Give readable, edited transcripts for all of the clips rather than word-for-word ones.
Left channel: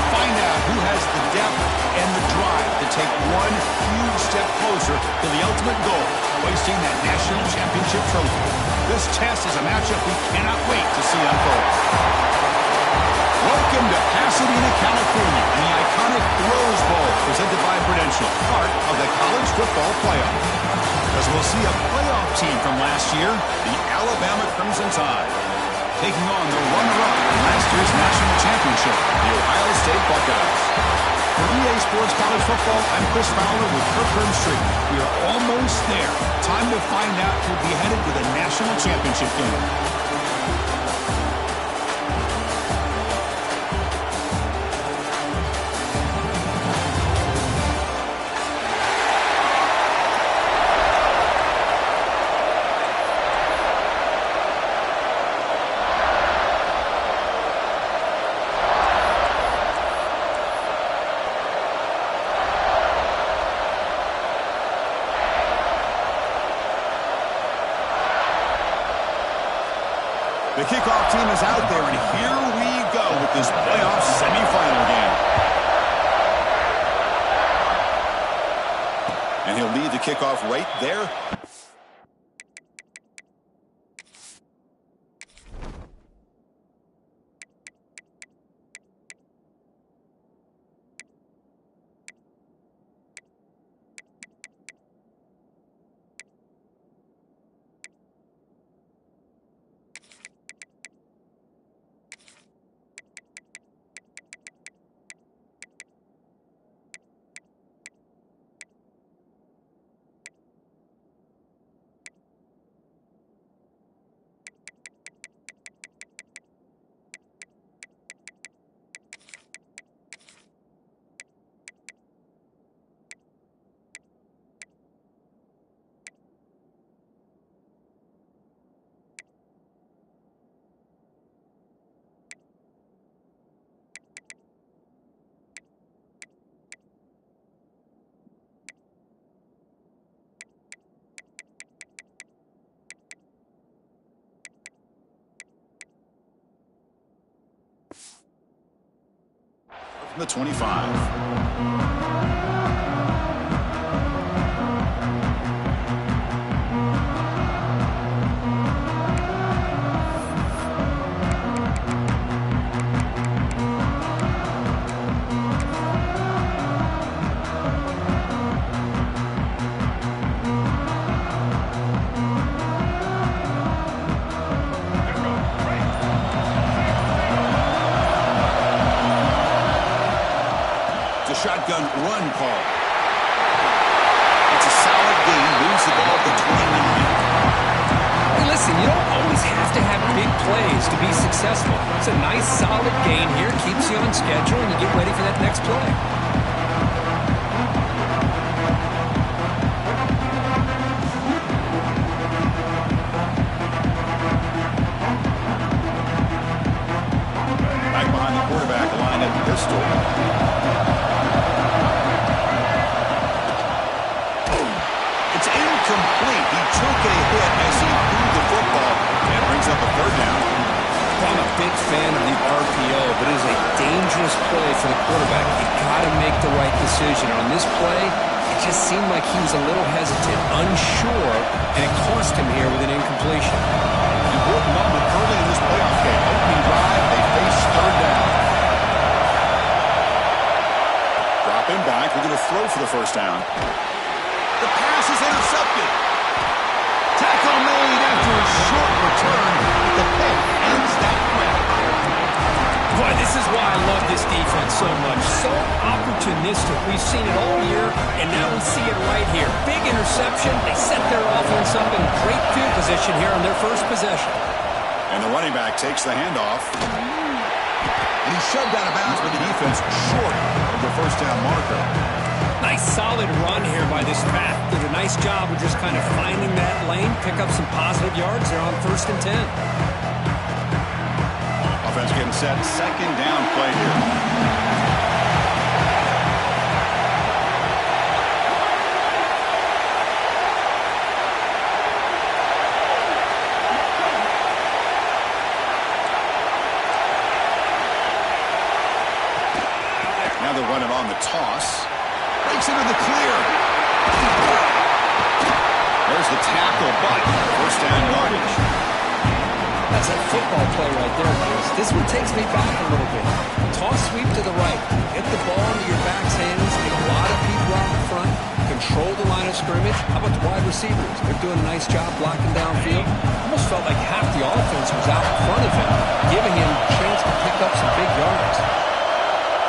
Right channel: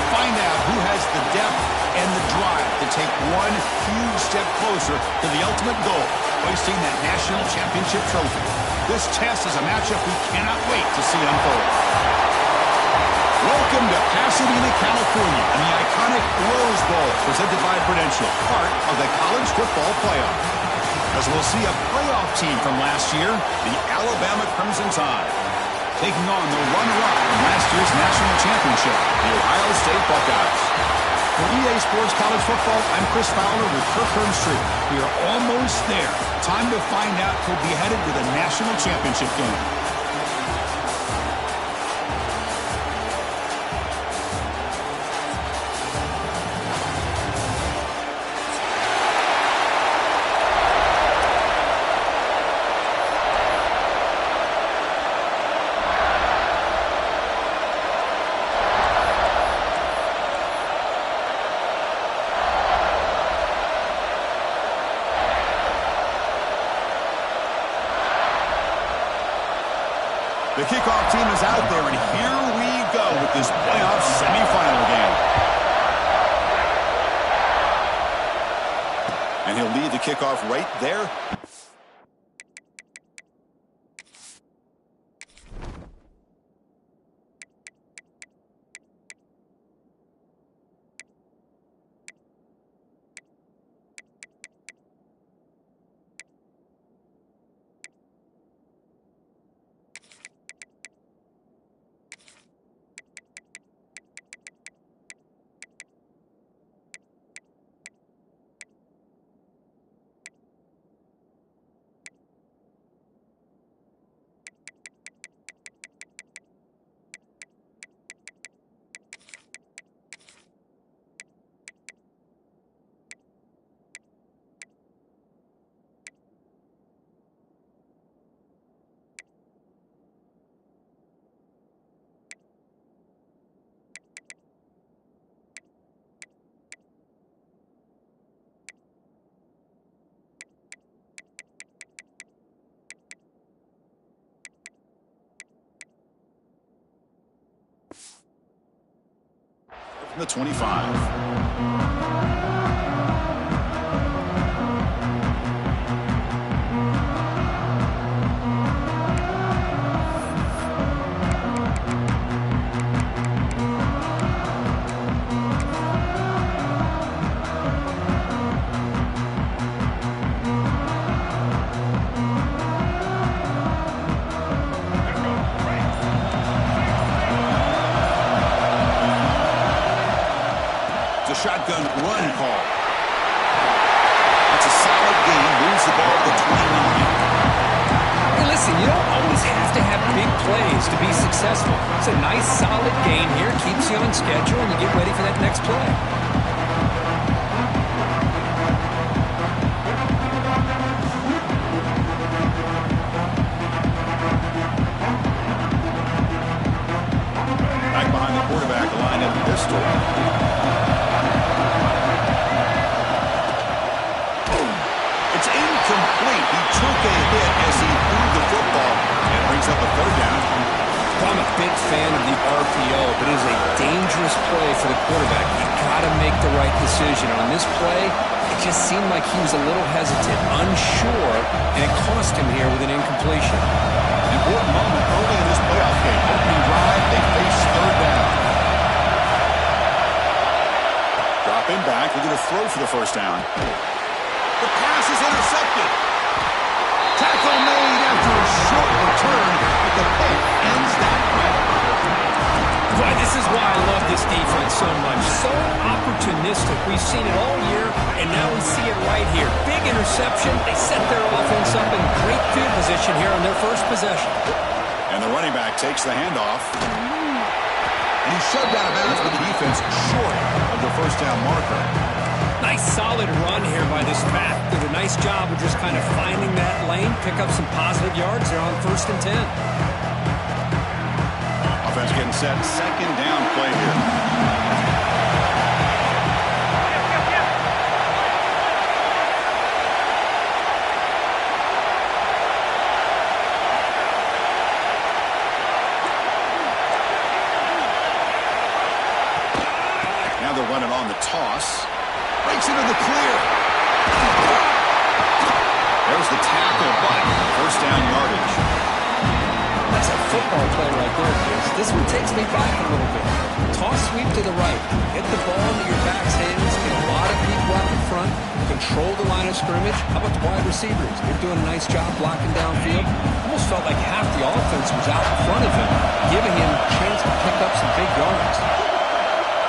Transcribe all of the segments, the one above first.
to find out who has the depth and the drive to take one huge step closer to the ultimate goal, hoisting that national championship trophy. This test is a matchup we cannot wait to see unfold. Welcome to Pasadena, California, and the iconic Rose Bowl, presented by Prudential, part of the college football playoff. As we'll see a playoff team from last year, the Alabama Crimson Tide, taking on the runner-up from last year's national championship, the Ohio State Buckeyes. For EA Sports College Football, I'm Chris Fowler with Kirk Herbstreit. We are almost there. Time to find out who'll be headed to the national championship game. The kickoff team is out there, and here we go with this playoff semifinal game. And he'll lead the kickoff right there. From the 25. Shotgun run call. That's a solid gain. Moves the ball to 29. Hey, listen, you don't always have to have big plays to be successful. It's a nice, solid gain here. Keeps you on schedule, and you get ready for that next play. Back behind the quarterback, line at pistol. Complete. He took a hit as he threw the football, and brings up a third down. Well, I'm a big fan of the RPO, but it is a dangerous play for the quarterback. You got to make the right decision. On this play, it just seemed like he was a little hesitant, unsure, and it cost him here with an incompletion. Important moment early in this playoff game. Opening drive, they face third down. Dropping back, looking to throw for the first down. The pass is intercepted. Tackle made after a short return, but the pick ends that threat. Boy, this is why I love this defense so much. So opportunistic. We've seen it all year, and now we see it right here. Big interception. They set their offense up in great field position here on their first possession. And the running back takes the handoff. And he's shoved out of bounds with the defense short of the first down marker. Nice solid run here by this back. Did a nice job of just kind of finding that lane, pick up some positive yards. They're on 1st and 10. Offense getting set. Second down play here. Now they're running on the toss. Breaks into the clear. There's the tackle, but first down yardage. That's a football play right there, Chris. This one takes me back a little bit. Toss sweep to the right. Get the ball into your back's hands. Get a lot of people out in front. Control the line of scrimmage. How about the wide receivers? They're doing a nice job blocking downfield. Almost felt like half the offense was out in front of him, giving him a chance to pick up some big yards.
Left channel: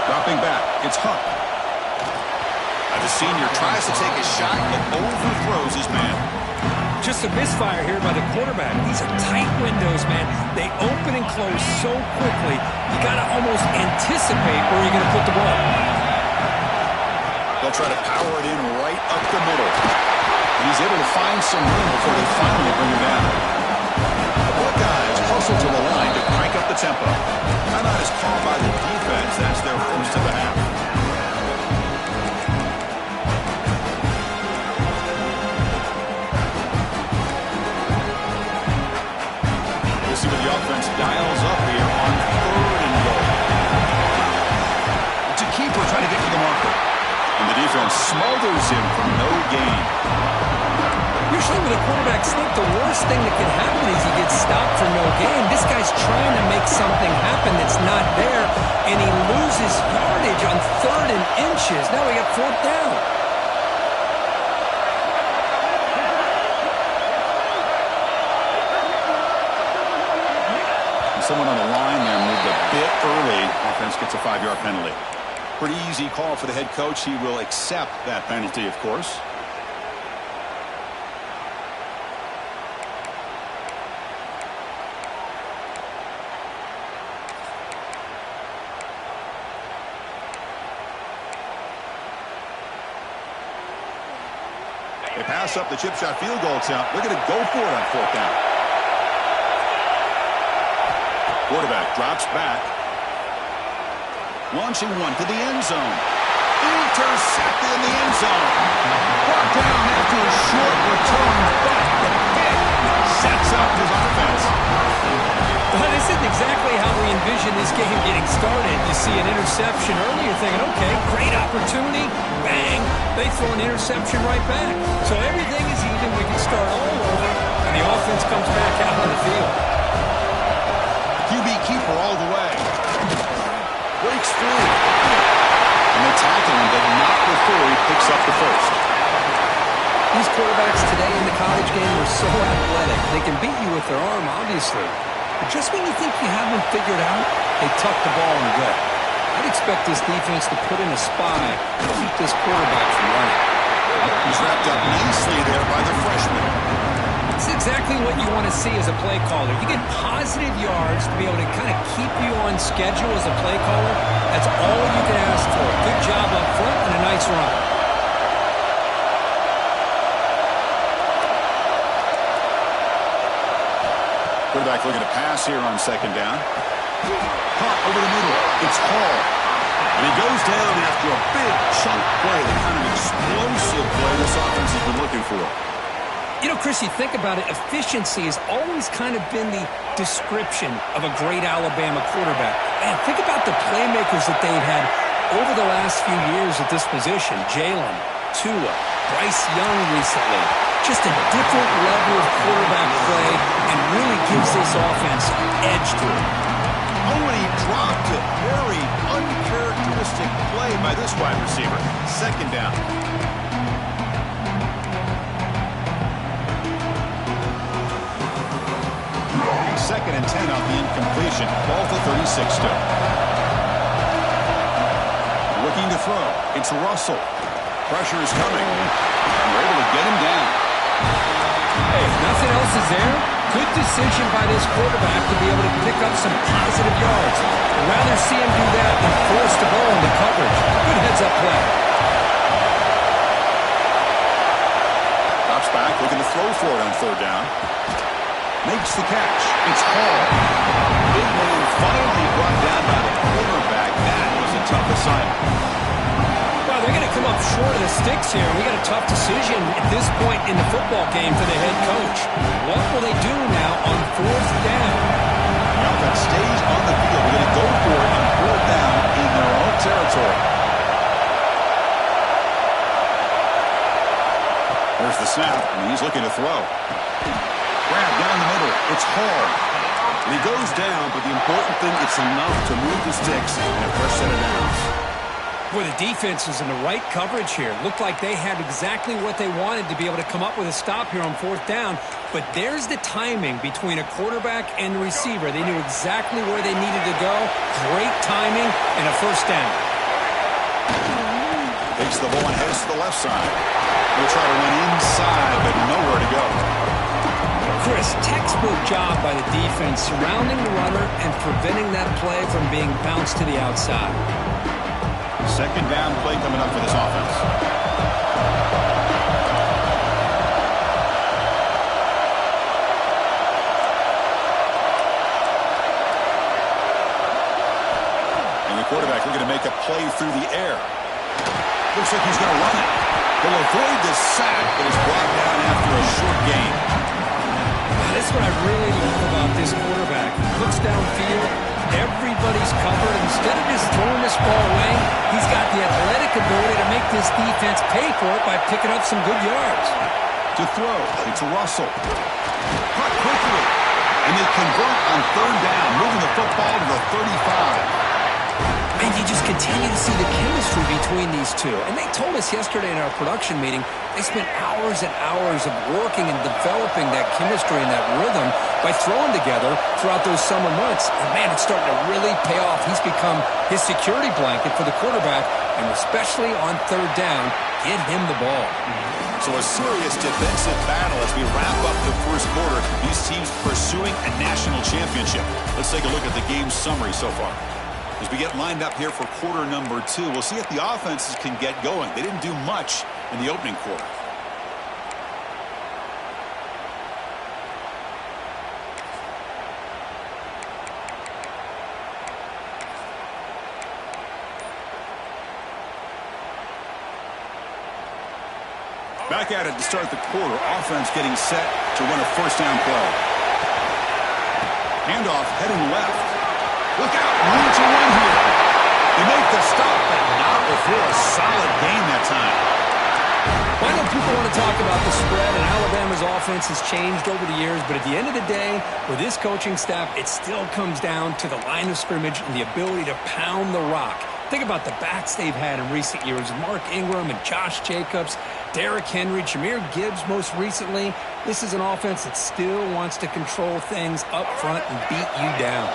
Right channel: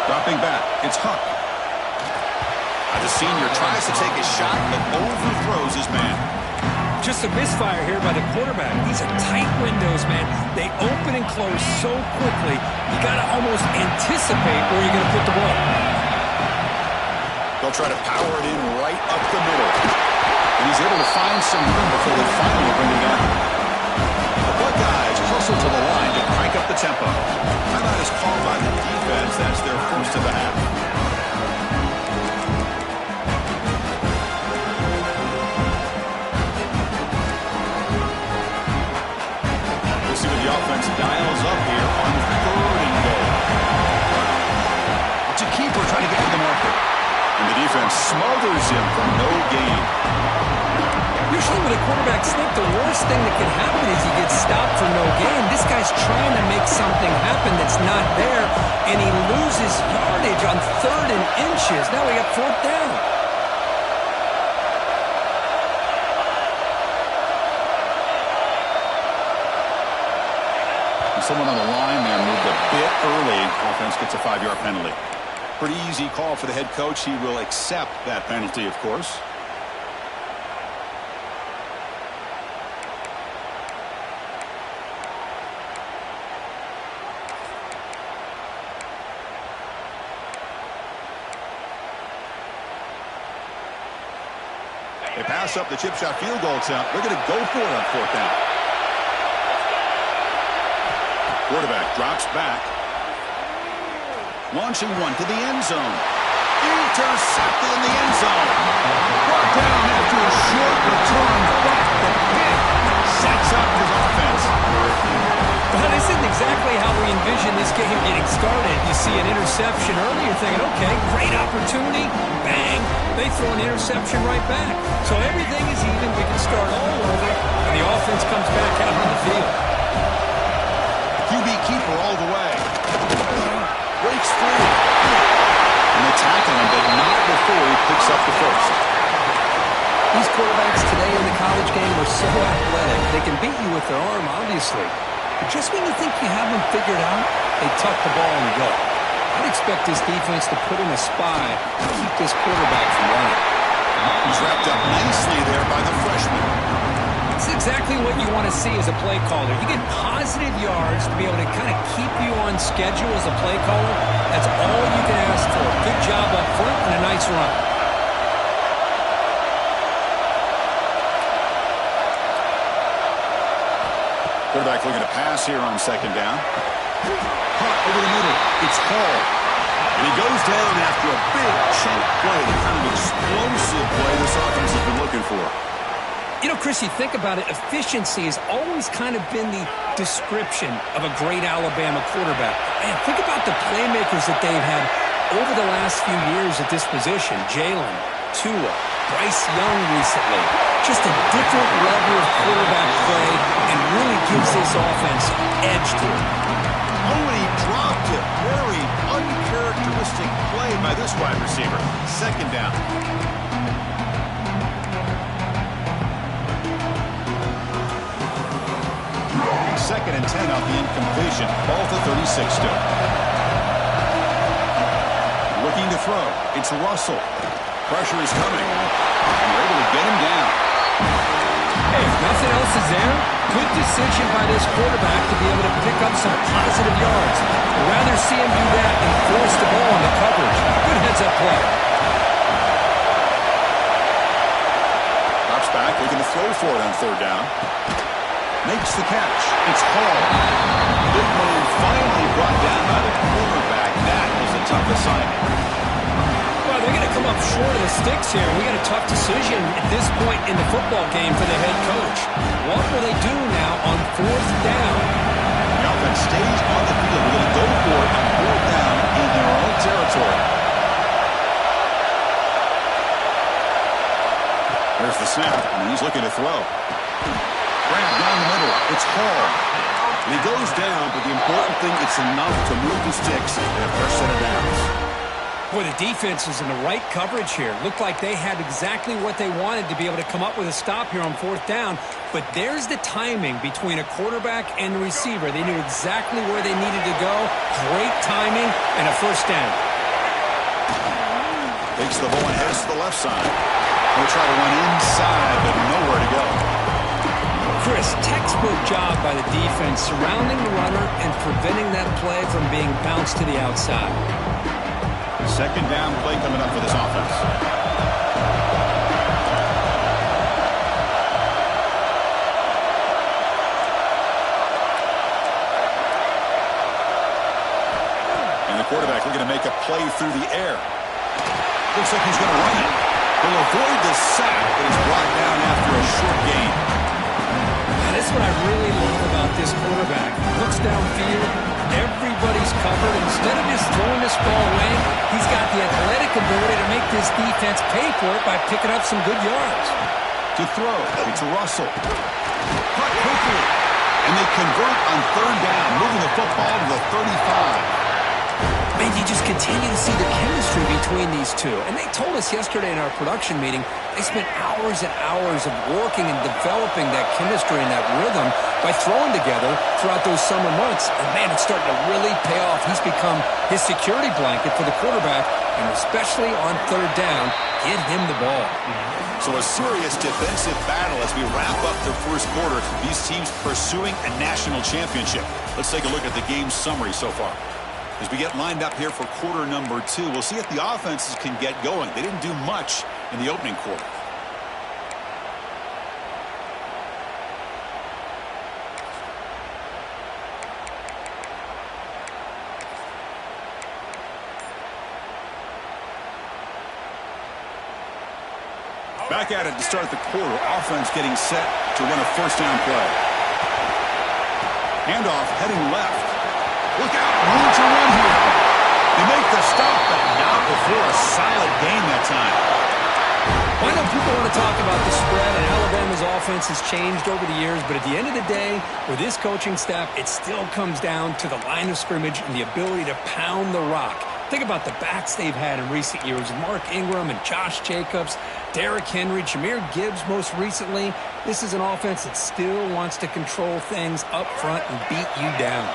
Dropping back. It's Huck. The senior tries to take a shot, but overthrows his man. Just a misfire here by the quarterback. These are tight windows, man. They open and close so quickly. You got to almost anticipate where you're going to put the ball. They'll try to power it in right up the middle. And he's able to find some room before they finally bring him down. The Buckeyes hustle to the line to crank up the tempo. Timeout is called by the defense. That's their first of the half. See what the offense dials up here on 3rd and goal. It's a keeper trying to get to the marker. And the defense smothers him for no gain. Usually with a quarterback sneak, the worst thing that can happen is he gets stopped for no gain. This guy's trying to make something happen that's not there, and he loses yardage on 3rd and inches. Now we got 4th down. Someone on the line there moved a bit early. Offense gets a 5-yard penalty. Pretty easy call for the head coach. He will accept that penalty, of course. They pass up the chip shot field goal attempt. They're going to go for it on 4th down. Quarterback drops back. Launching one to the end zone. Intercepted in the end zone. Brought down after a short return, but the pick sets up his offense. Well, this isn't exactly how we envision this game getting started. You see an interception early, you're thinking, okay, great opportunity. Bang! They throw an interception right back. So everything is even. We can start all over, and the offense comes back out on the field. QB keeper all the way. Breaks free. And they tackle him, but not before he picks up the first. These quarterbacks today in the college game are so athletic. They can beat you with their arm, obviously. But just when you think you have them figured out, they tuck the ball and go. I'd expect this defense to put in a spy to keep this quarterback from running. He's wrapped up nicely there by the freshman. It's exactly what you want to see as a play caller. You get positive yards to be able to kind of keep you on schedule as a play caller. That's all you can ask for. Good job up front and a nice run. Quarterback looking to pass here on 2nd down. Hot over the middle. It's Hall. And he goes down after a big chunk play, the kind of explosive play this offense has been looking for. You know, Chris, you think about it, efficiency has always kind of been the description of a great Alabama quarterback. Man, think about the playmakers that they've had over the last few years at this position. Jalen, Tua, Bryce Young recently. Just a different level of quarterback play and really gives this offense edge to it. Oh, and he dropped it. Very uncharacteristic play by this wide receiver. 2nd down. 2nd and 10 off the incompletion. Ball to 36 still. Looking to throw. It's Russell. Pressure is coming. And we're able to get him down. Hey, if nothing else is there, good decision by this quarterback to be able to pick up some positive yards. I'd rather see him do that than force the ball into coverage. Good heads-up play. Drops back, looking to throw for it on 3rd down. Makes the catch. It's Hall. Big man finally brought down by the cornerback. That was a tough assignment. Well, they're going to come up short of the sticks here. We got a tough decision at this point in the football game for the head coach. What will they do now on 4th down? The offense stays on the field. We're going to go for it on 4th down in their own territory. There's the snap, and he's looking to throw. Grab down the middle. It's Hall. And he goes down, but the important thing, it's enough to move the sticks and a fresh set of downs. Boy, the defense is in the right coverage here. Looked like they had exactly what they wanted to be able to come up with a stop here on 4th down. But there's the timing between a quarterback and the receiver. They knew exactly where they needed to go. Great timing and a first down. Takes the ball and heads to the left side. He'll try to run inside, but nowhere to go. Chris, textbook job by the defense surrounding the runner and preventing that play from being bounced to the outside. Second down play coming up for this offense. And the quarterback looking to make a play through the air. Looks like he's going to run it. He'll avoid the sack, but is brought down after a short gain. That's what I really love about this quarterback. Looks downfield. Everybody's covered. Instead of just throwing this ball away, he's got the athletic ability to make this defense pay for it by picking up some good yards. To throw, it's Russell. Cut quickly. And they convert on 3rd down, moving the football to the 35. Man, you just continue to see the chemistry between these two. And they told us yesterday in our production meeting, they spent hours and hours of working and developing that chemistry and that rhythm by throwing together throughout those summer months. And, man, it's starting to really pay off. He's become his security blanket for the quarterback, and especially on 3rd down, get him the ball. So a serious defensive battle as we wrap up the first quarter. These teams pursuing a national championship. Let's take a look at the game summary so far. As we get lined up here for quarter number 2, we'll see if the offenses can get going. They didn't do much in the opening quarter. Back at it to start the quarter. Offense getting set to run a first down play. Handoff heading left. Look out, room to run here. They make the stop, but not before a solid gain that time. I know people want to talk about the spread, and Alabama's offense has changed over the years, but at the end of the day, with this coaching staff, it still comes down to the line of scrimmage and the ability to pound the rock. Think about the backs they've had in recent years. Mark Ingram and Josh Jacobs, Derrick Henry, Jahmyr Gibbs most recently. This is an offense that still wants to control things up front and beat you down.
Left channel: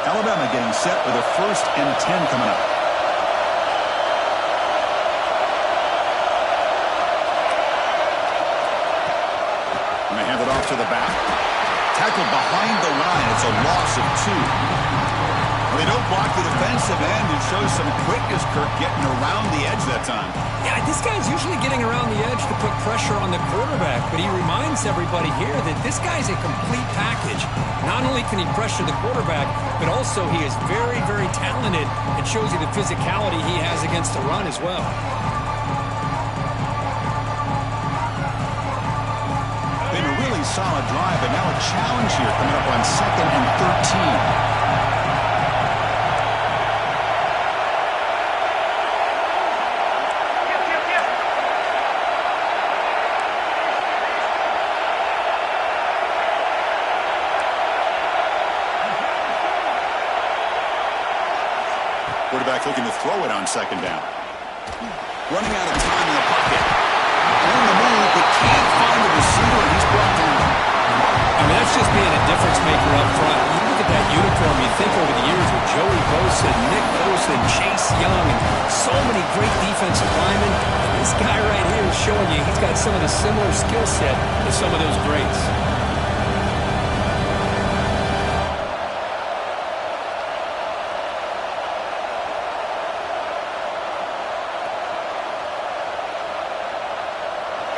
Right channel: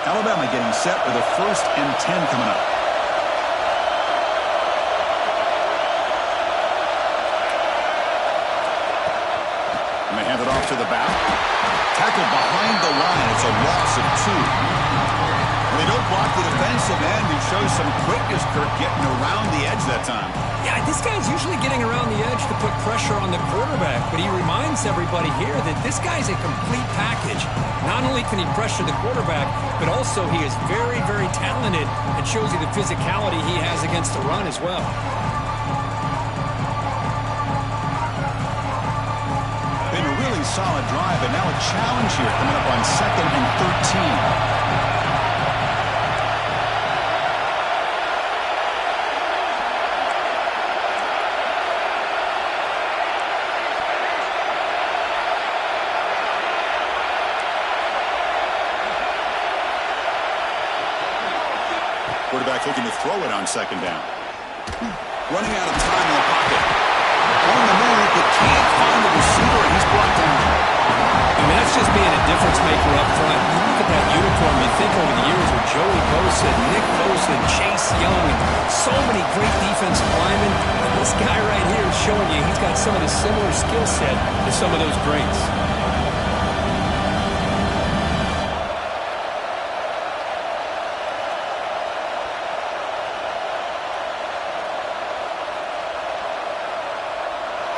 Alabama getting set with a 1st and 10 coming up. And they hand it off to the back. Tackled behind the line. It's a loss of 2. Well, they don't block the defensive end and shows some quickness, Kirk, getting around the edge that time. Yeah, this guy's usually getting around the edge to put pressure on the quarterback, but he reminds everybody here that this guy's a complete package. Not only can he pressure the quarterback, but also he is very, very talented and shows you the physicality he has against the run as well. Been a really solid drive, but now a challenge here coming up on 2nd and 13. Quarterback looking to throw it on 2nd down. Running out of time in the pocket. On the move, but can't find the receiver, and he's brought down. I mean, that's just being a difference maker up front. You look at that uniform, you think over the years with Joey Bosa, Nick Bosa, and Chase Young, and so many great defensive linemen. And this guy right here is showing you he's got some of the similar skill set to some of those greats.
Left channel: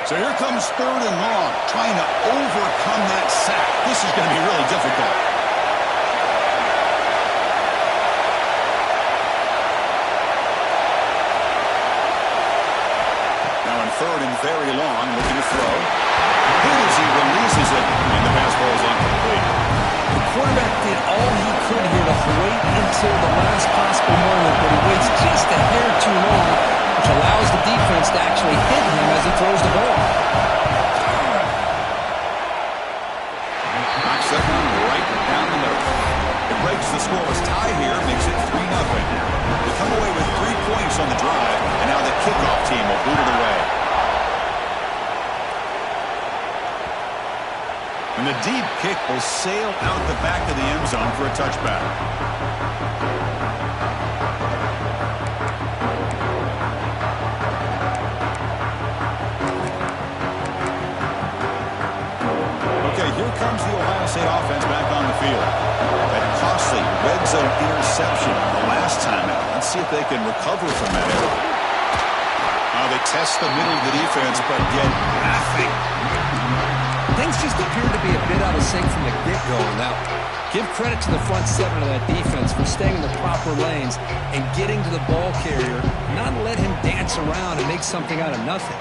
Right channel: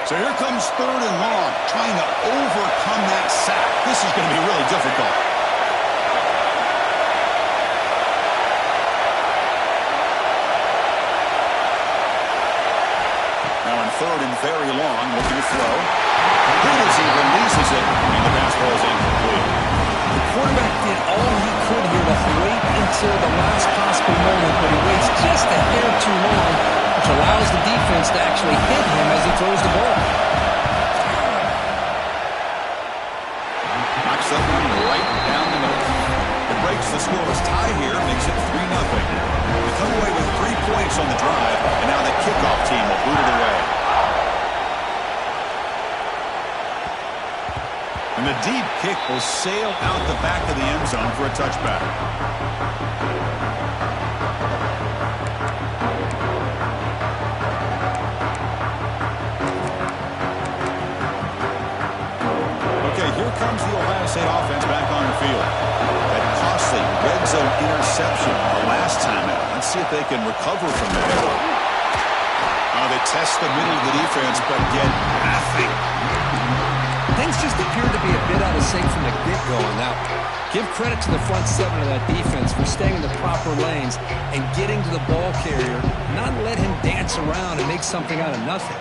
So here comes 3rd and long, trying to overcome that sack. This is going to be really difficult. Now in 3rd and very long, looking to throw. Good as he releases it, and the pass ball is incomplete. The quarterback did all he could here to wait until the last possible moment, but he waits just a hair too long. which allows the defense to actually hit him as he throws the ball. Knocks that one right down the middle. It breaks the scoreless tie here, makes it 3-0. They come away with 3 points on the drive, and now the kickoff team will boot it away. And the deep kick will sail out the back of the end zone for a touchback. Okay, here comes the Ohio State offense back on the field. That costly red zone interception the last time out. Let's see if they can recover from that error. They test the middle of the defense, but get nothing. Things just appeared to be a bit out of sync from the get-go on that one. Give credit to the front seven of that defense for staying in the proper lanes and getting to the ball carrier, not let him dance around and make something out of nothing.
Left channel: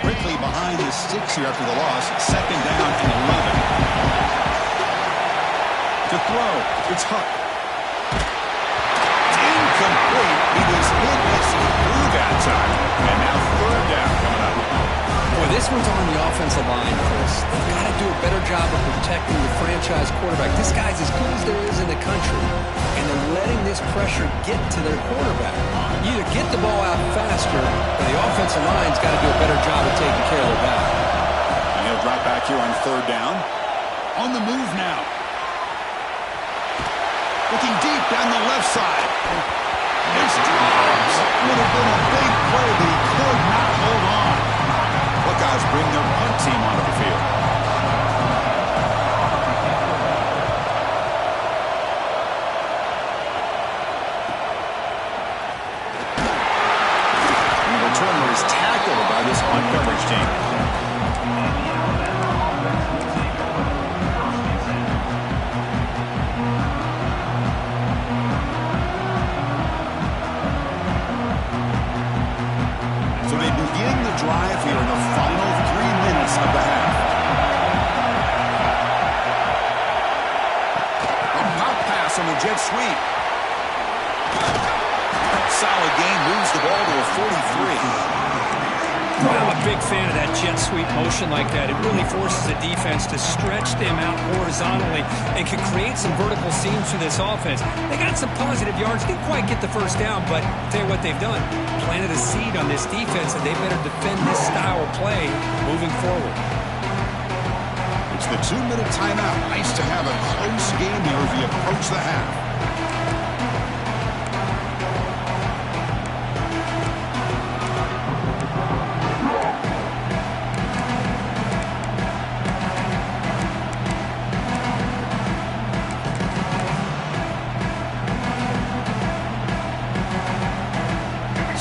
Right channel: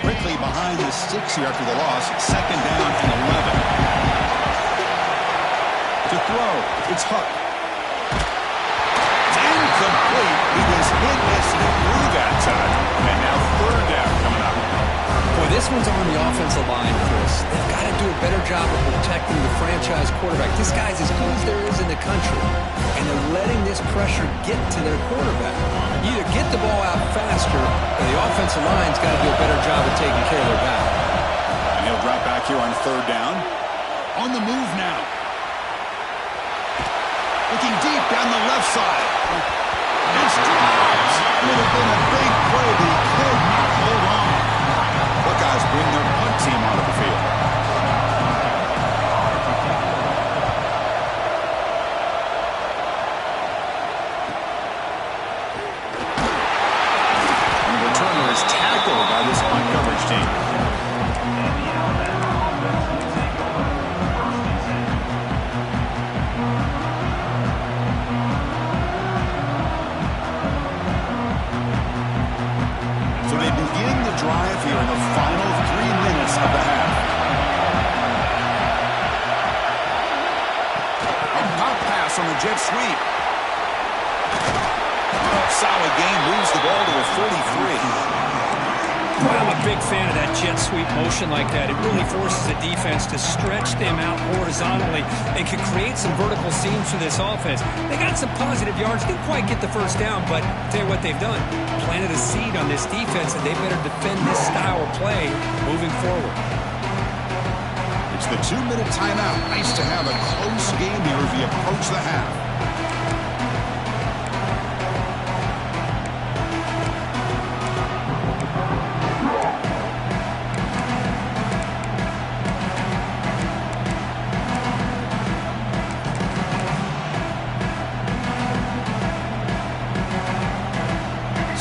Quickly behind the sticks here after the loss. 2nd down and 11. To throw, it's Huck. Incomplete. He was hit as he threw that time. And now 3rd down coming up. Boy, this one's on the offensive line, Chris. They've got to do a better job of protecting the franchise quarterback. This guy's as good as there is in the country, and they're letting this pressure get to their quarterback. You either get the ball out faster, or the offensive line's got to do a better job of taking care of their guy. And he'll drop back here on 3rd down. On the move now. Looking deep down the left side. It's dropped. Would have been a big play, but he could not hold on. Buckeyes bring their punt team onto the field. And the returner is tackled by this punt coverage team. So they begin the drive here in the final 3 minutes of the half. A pop pass on the jet sweep. Solid gain, moves the ball to a 43. Well, I'm a big fan of that jet sweep motion like that. It really forces the defense to stretch them out horizontally and can create some vertical seams for this offense. They got some positive yards. Didn't quite get the 1st down, but I'll tell you what they've done. Planted a seed on this defense, and they better defend this style of play moving forward. It's the 2-minute timeout. Nice to have a close game here as we approach the half.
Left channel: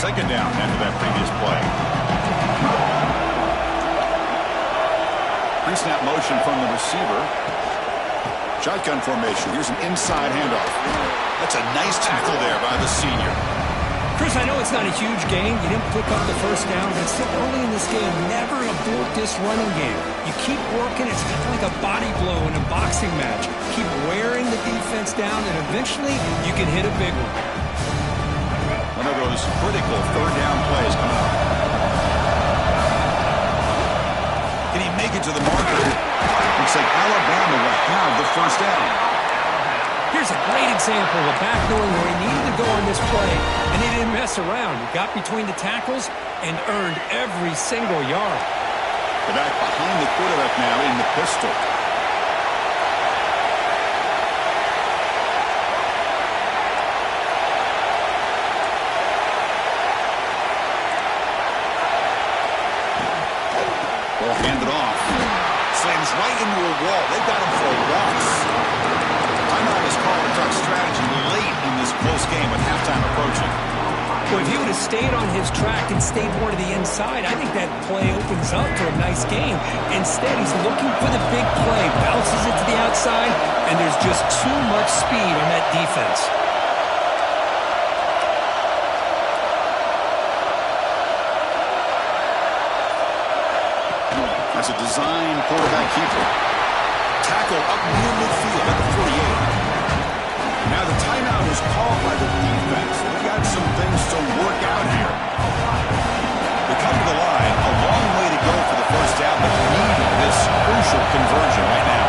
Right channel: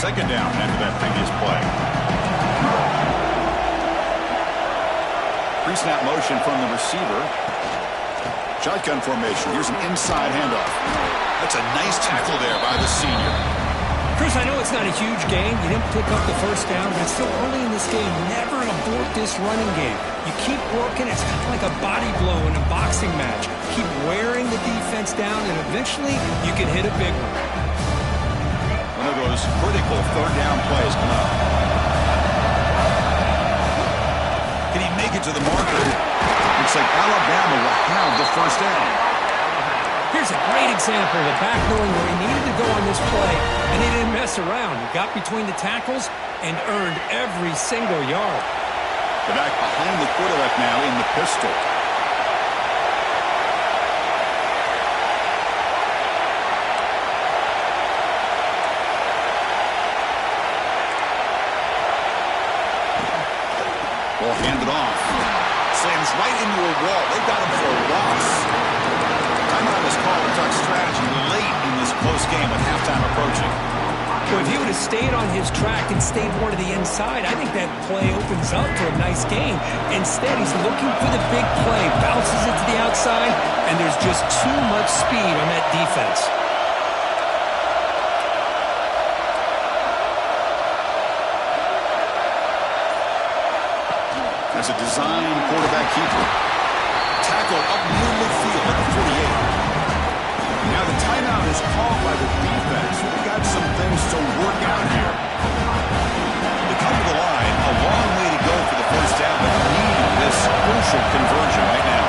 Second down after that previous play. Pre-snap motion from the receiver. Shotgun formation. Here's an inside handoff. That's a nice tackle there by the senior. Chris, I know it's not a huge gain. You didn't pick up the 1st down, but it's still early in this game. Never abort this running game. You keep working. It's kind of like a body blow in a boxing match. Keep wearing the defense down, and eventually you can hit a big one. One of those critical 3rd down plays coming up. Can he make it to the marker? Looks like Alabama will have the 1st down. Here's a great example of a back knowing where he needed to go on this play, and he didn't mess around. He got between the tackles and earned every single yard. The back behind the quarterback now in the pistol. Ball handed off. Slams right into a wall. They've got him for a loss. Timeout is called to talk strategy late in this close game with halftime approaching. Well, if he would have stayed on his track and stayed more to the inside, I think that play opens up for a nice game. Instead, he's looking for the big play, bounces it to the outside, and there's just too much speed on that defense. That's a design quarterback keeper. Tackle up near midfield at the 48. Now the timeout is called by the defense. They got some things to work out here. They come to the line, a long way to go for the first down, but needing this crucial conversion right now.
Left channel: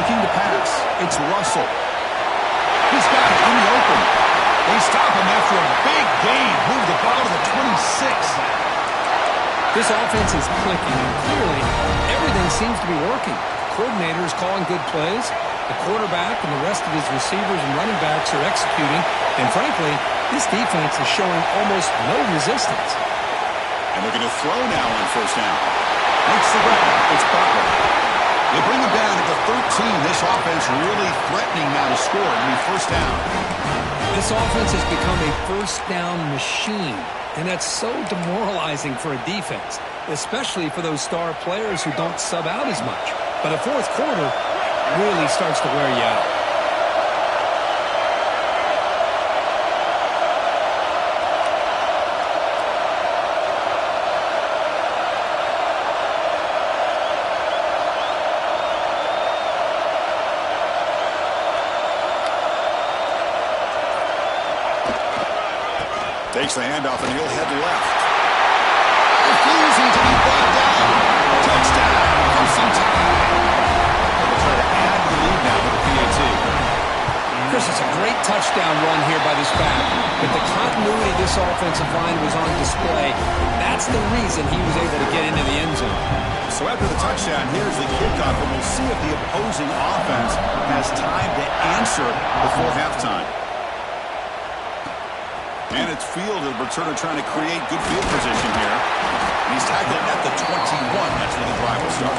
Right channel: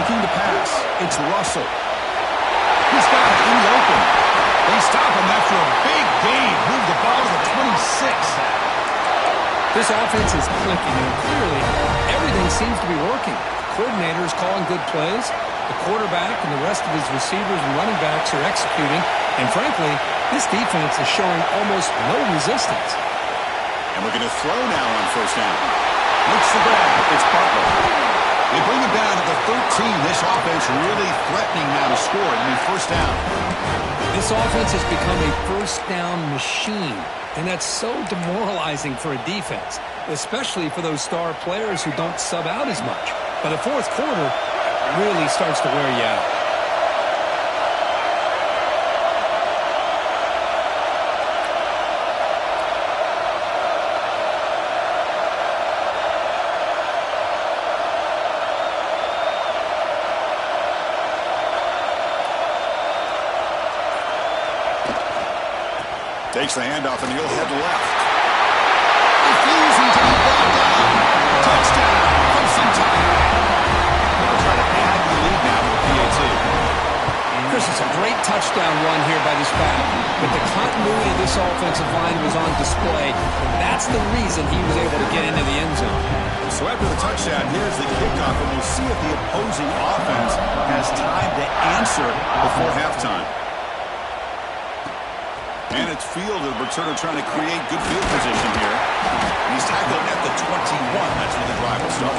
Looking to pass. It's Russell. He's got it in the open. They stop him after a big gain. Move the ball to the 26. This offense is clicking, and clearly everything seems to be working. The coordinator is calling good plays. The quarterback and the rest of his receivers and running backs are executing. And frankly, this defense is showing almost no resistance. And looking to throw now on first down. Makes the grab. It's Butler. They bring him down to the 13. This offense really threatening now to score. It'll be first down. This offense has become a first down machine. And that's so demoralizing for a defense, especially for those star players who don't sub out as much. But the fourth quarter really starts to wear you out. Takes the handoff and he'll head left. Refusing to be brought down. Touchdown. Clemson Tide. They'll try to add to the lead now with the PAT. Chris, it's a great touchdown run here by this back, but the continuity of this offensive line was on display. That's the reason he was able to get into the end zone. So after the touchdown, here's the kickoff, and we'll see if the opposing offense has time to answer before halftime. And it's fielded. Returner trying to create good field position here. And he's tackled at the 21. That's where the drive will start.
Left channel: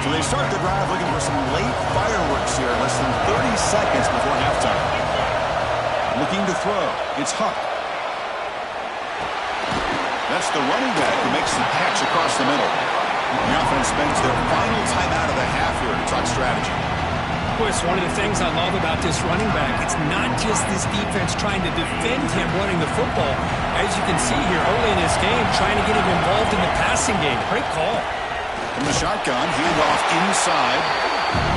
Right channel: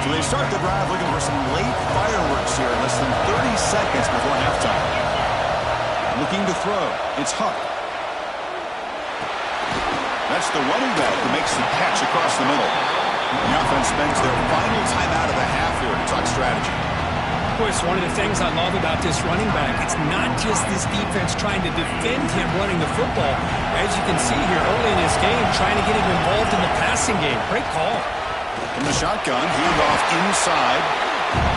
So they start the drive looking for some late fireworks here. Less than 30 seconds before halftime. Looking to throw. It's Huck. That's the running back who makes the catch across the middle. The offense spends their final timeout of the half here to talk strategy. Chris, one of the things I love about this running back, it's not just this defense trying to defend him running the football. As you can see here early in this game, trying to get him involved in the passing game. Great call. From the shotgun, handoff inside.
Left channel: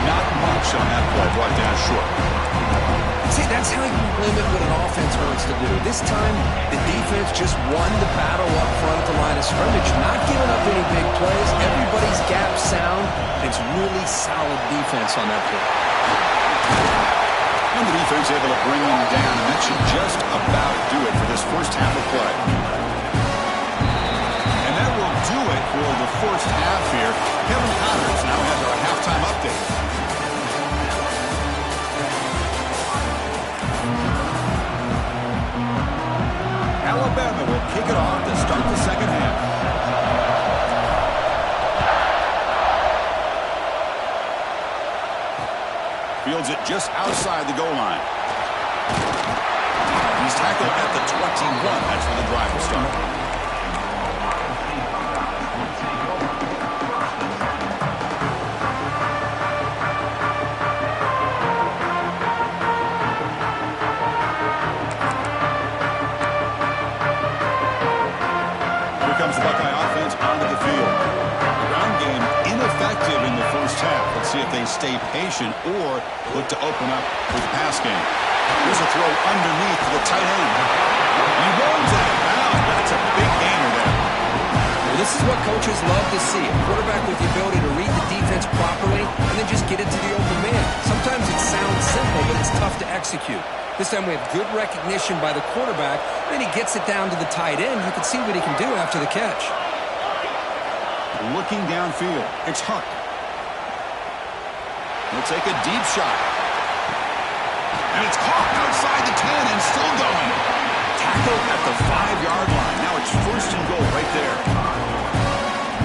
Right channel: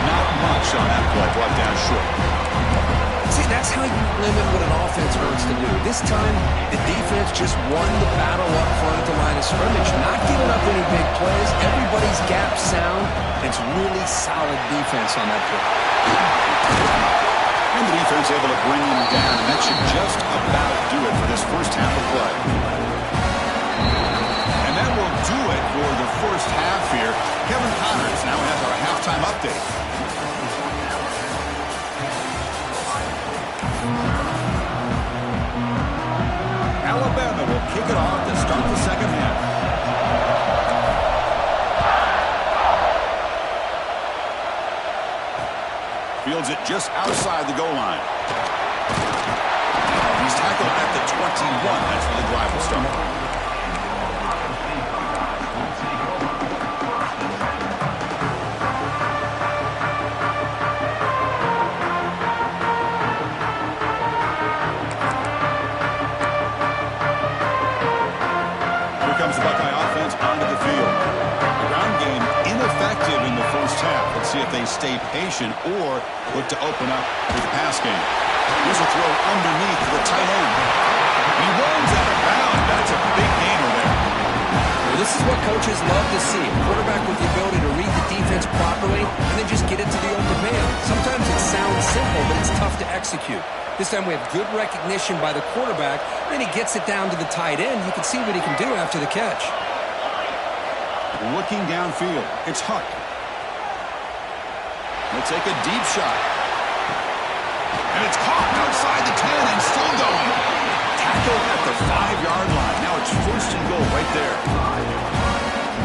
Not much on that play. Brought down short. See, that's how you limit what an offense learns to do. This time, the defense just won the battle up front at the line of scrimmage, not giving up any big plays. Everybody's gap sound. It's really solid defense on that play. And the defense able to bring him down, and that should just about do it for this first half of play. And that will do it for the first half here. Kevin Connors now has our halftime update. Alabama will kick it off to start the second half. Fields it just outside the goal line. He's tackled at the 21. That's where the drive will start. Comes the Buckeye offense onto the field. The ground game ineffective in the first half. Let's see if they stay patient or look to open up with the pass game. Here's a throw underneath to the tight end. He runs out of bounds. That's a big gainer there. Well, this is what coaches love to see. A quarterback with the ability to read the defense properly and then just get it to the open man. Sometimes it sounds simple, but it's tough to execute. This time we have good recognition by the quarterback. Then he gets it down to the tight end. You can see what he can do after the catch. Looking downfield, it's Huck. He'll take a deep shot. And it's caught outside the 10 and still going. Tackled at the 5-yard line. Now it's first and goal right there.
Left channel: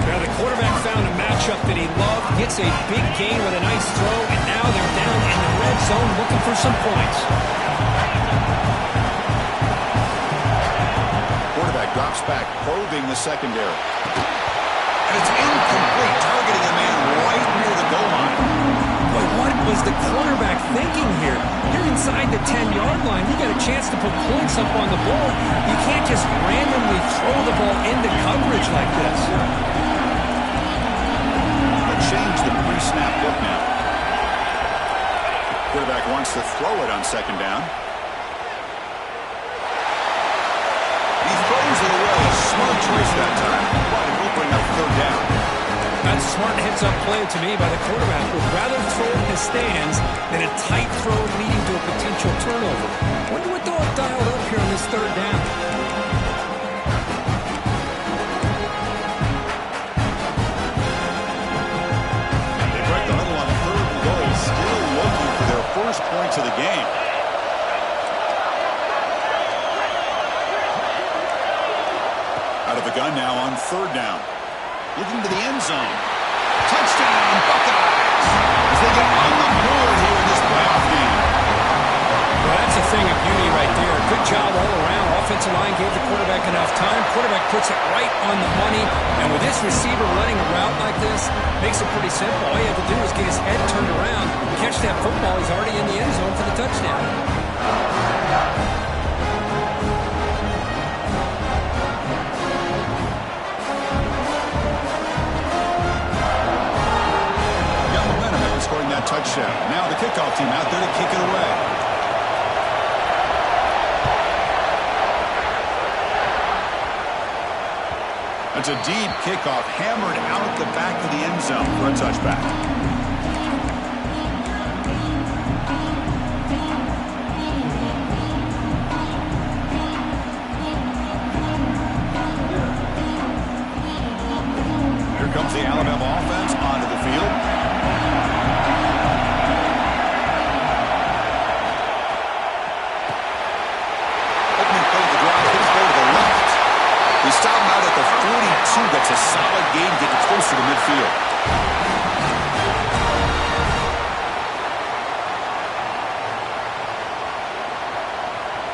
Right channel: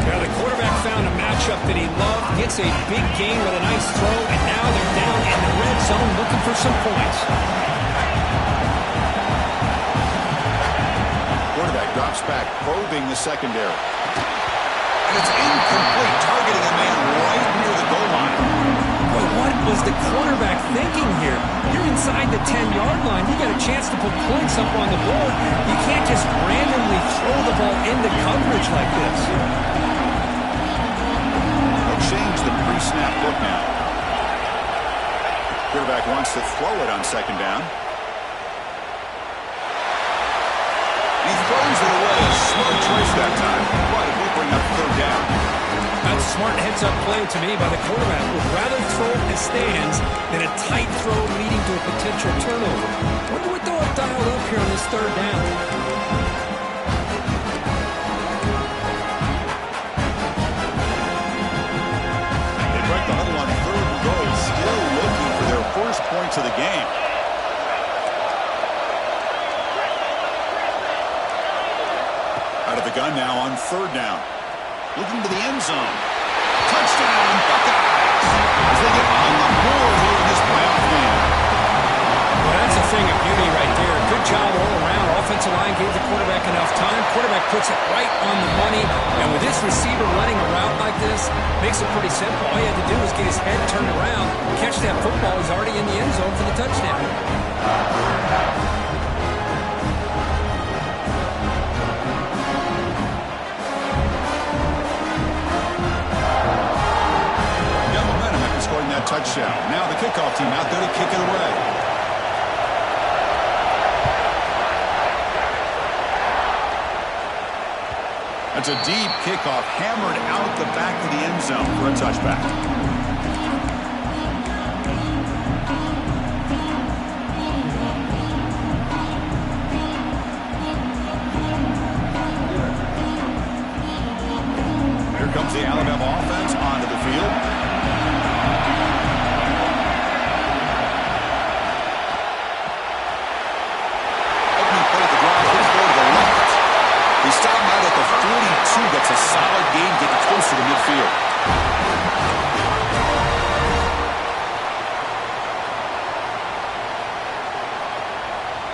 Now the quarterback found a matchup that he loved, gets a big gain with a nice throw, and now they're down in the red zone looking for some points. Quarterback drops back, probing the secondary. And it's incomplete, targeting a man right near the goal line. Boy, what was the quarterback thinking here? You're inside the 10-yard line. You got a chance to put points up on the board. You can't just randomly throw the ball into coverage like this. They'll change the pre-snap look now. Quarterback wants to throw it on second down. He throws it away. A smart choice that time. But it will bring up third down. That's a smart heads-up play to me by the quarterback. Would rather throw it in his stands than a tight throw leading to a potential turnover. Wonder what they'll have dialed up here on this third down. They break the huddle on third and goal. Still looking for their first points of the game. Out of the gun now on third down. Looking to the end zone. Touchdown, Buckeyes! As they get on the board here in this playoff game. Well, that's a thing of beauty right there. Good job all around. Offensive line gave the quarterback enough time. Quarterback puts it right on the money. And with this receiver running a route like this, makes it pretty simple. All he had to do was get his head turned around, catch that football. He's already in the end zone for the touchdown. Scoring that touchdown. Now the kickoff team out there to kick it away. That's a deep kickoff, hammered out the back of the end zone for a touchback. Here comes the Alabama offense onto the field. He stopped him out at the 42. That's a solid gain, getting closer to midfield.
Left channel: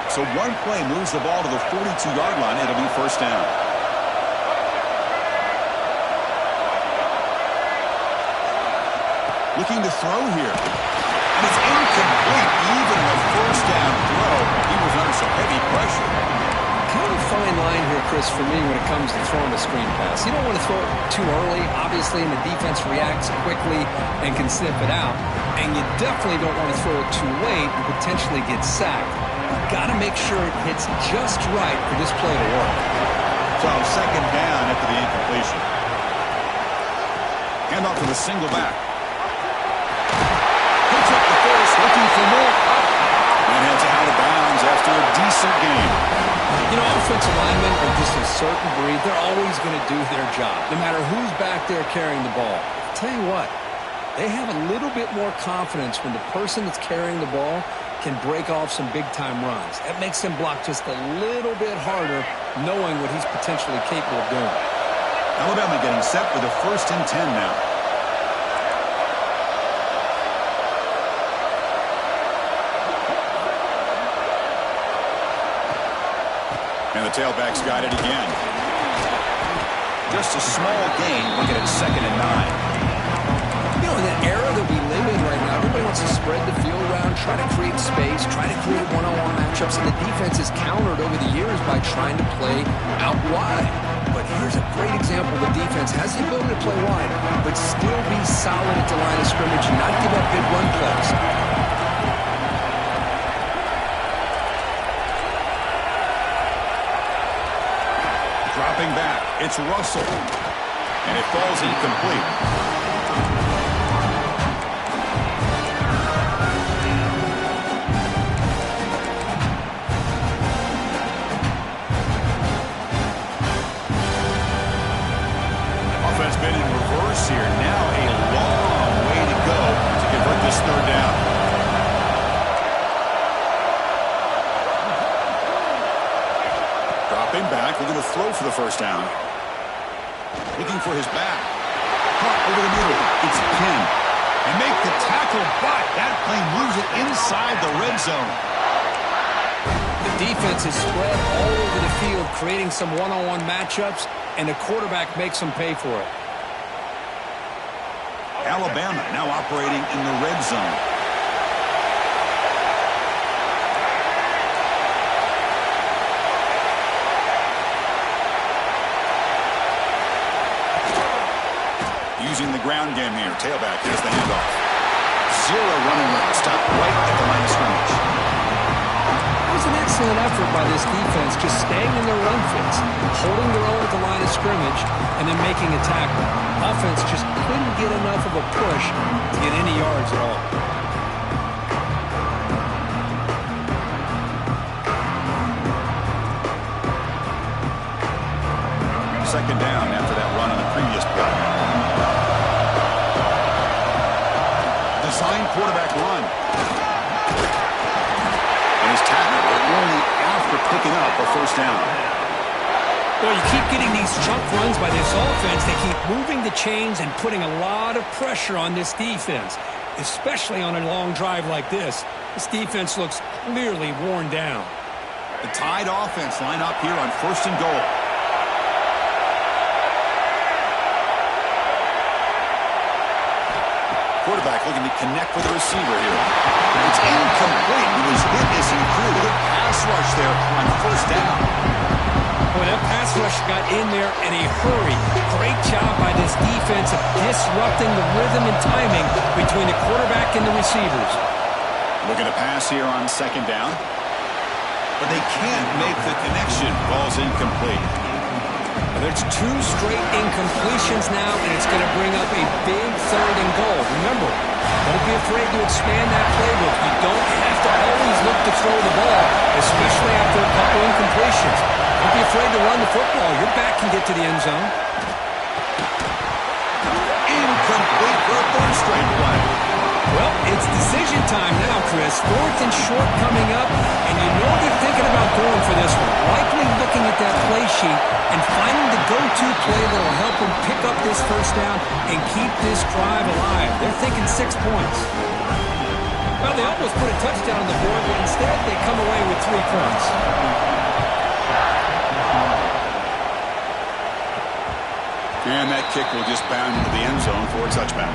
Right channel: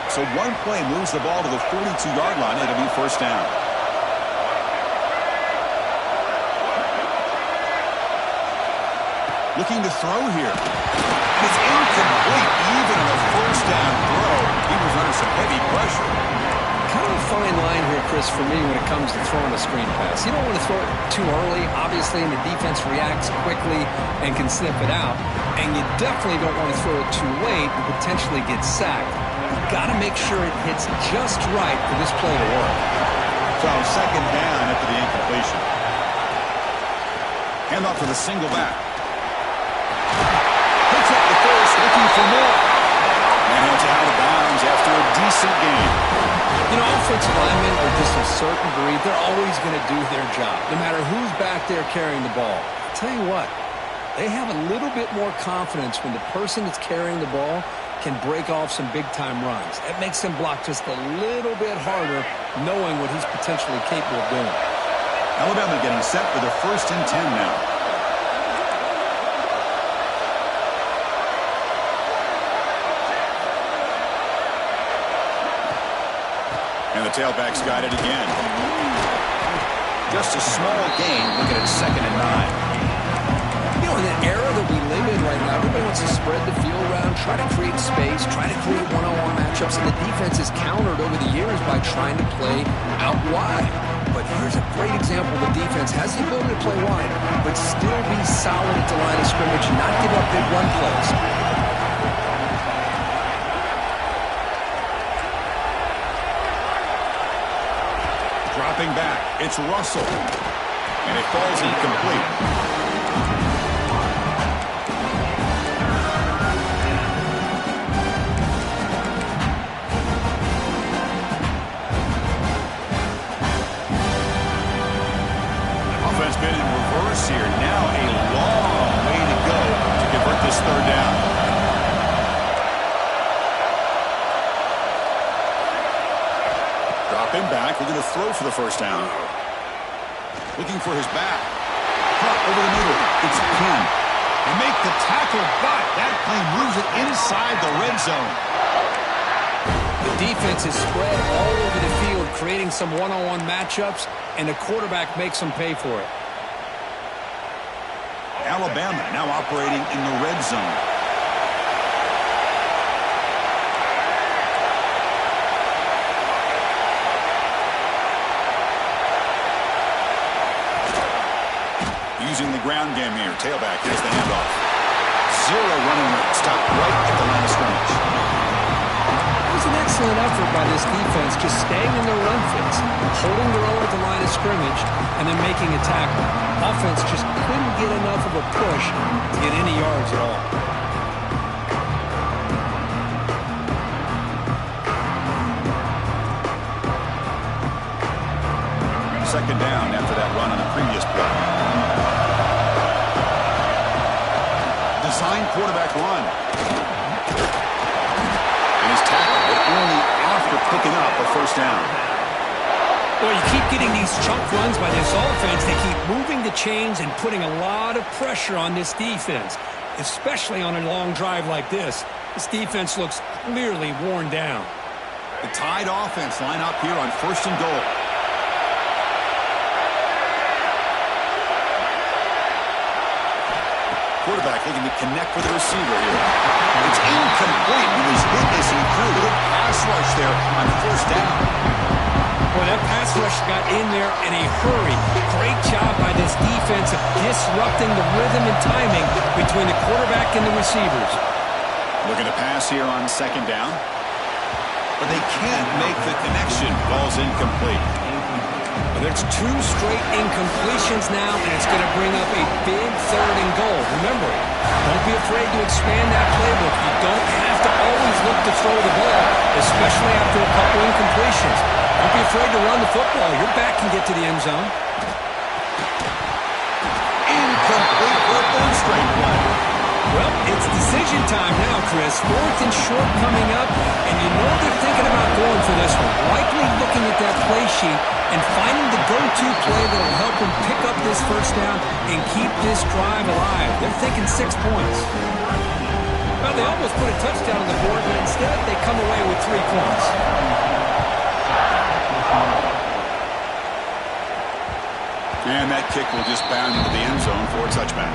So one play moves the ball to the 42-yard line. It'll be first down. Looking to throw here. And it's incomplete. Even in a first down throw, he was under some heavy pressure. Kind of a fine line here, Chris, for me when it comes to throwing a screen pass. You don't want to throw it too early, obviously, and the defense reacts quickly and can sniff it out. And you definitely don't want to throw it too late and potentially get sacked. You've got to make sure it hits just right for this play to work. So second down after the incompletion. Hand off to the single back. Picks up the first, looking for more. And heads out of bounds after a decent game. You know, offensive linemen are just a certain breed. They're always going to do their job, no matter who's back there carrying the ball. I'll tell you what, they have a little bit more confidence when the person that's carrying the ball can break off some big-time runs. That makes them block just a little bit harder, knowing what he's potentially capable of doing. Alabama getting set for the 1st and 10 now. And the tailback's got it again. Just a small gain. Looking at 2nd and 9. You know, in the era that we live in right now, everybody wants to spread the field around, try to create space, try to create one-on-one matchups, and the defense is countered over the years by trying to play out wide. But here's a great example. The defense has the ability to play wide, but still be solid at the line of scrimmage and not give up big run plays. Dropping back, it's Russell. And it falls incomplete. Offense been in reverse here. Now a long way to go to convert this third down. Dropping back, looking to throw for the first down. Looking for his back. Caught over the middle. It's Penn. And make the tackle, but that play moves it inside the red zone. The defense is spread all over the field, creating some one-on-one matchups, and the quarterback makes them pay for it. Alabama now operating in the red zone. Using the ground game here. Tailback, here's the handoff. Zero running room. Stopped right at the line of scrimmage. It was an excellent effort by this defense, just staying in their run fits, holding their own at the line of scrimmage, and then making a tackle. Offense just couldn't get enough of a push to get any yards at all. Second down after that run on the previous play. Design quarterback run. And he's tackled, but only after picking up a first down. Well, you keep getting these chunk runs by this offense. They keep moving the chains and putting a lot of pressure on this defense, especially on a long drive like this. This defense looks clearly worn down. The Tide offense line up here on 1st and goal. Quarterback looking to connect with the receiver here. It's incomplete. He was hit as he threw. Good pass rush there on 1st down. Boy, that pass rush got in there in a hurry. Great job by this defense of disrupting the rhythm and timing between the quarterback and the receivers. Looking to pass here on 2nd down. But they can't make the connection. Ball's incomplete. Well, there's 2 straight incompletions now, and it's going to bring up a big 3rd and goal. Remember, don't be afraid to expand that playbook. You don't have to always look to throw the ball, especially after a couple incompletions. Don't be afraid to run the football. Your back can get to the end zone. Incomplete for a 3rd straight play. Well, it's decision time now, Chris. 4th and short coming up, and you know they're thinking about going for this one. Likely looking at that play sheet and finding the go-to play that will help them pick up this first down and keep this drive alive. They're thinking 6 points. Well, they almost put a touchdown on the board, but instead they come away with 3 points. And that kick will just bound into the end zone for a touchback.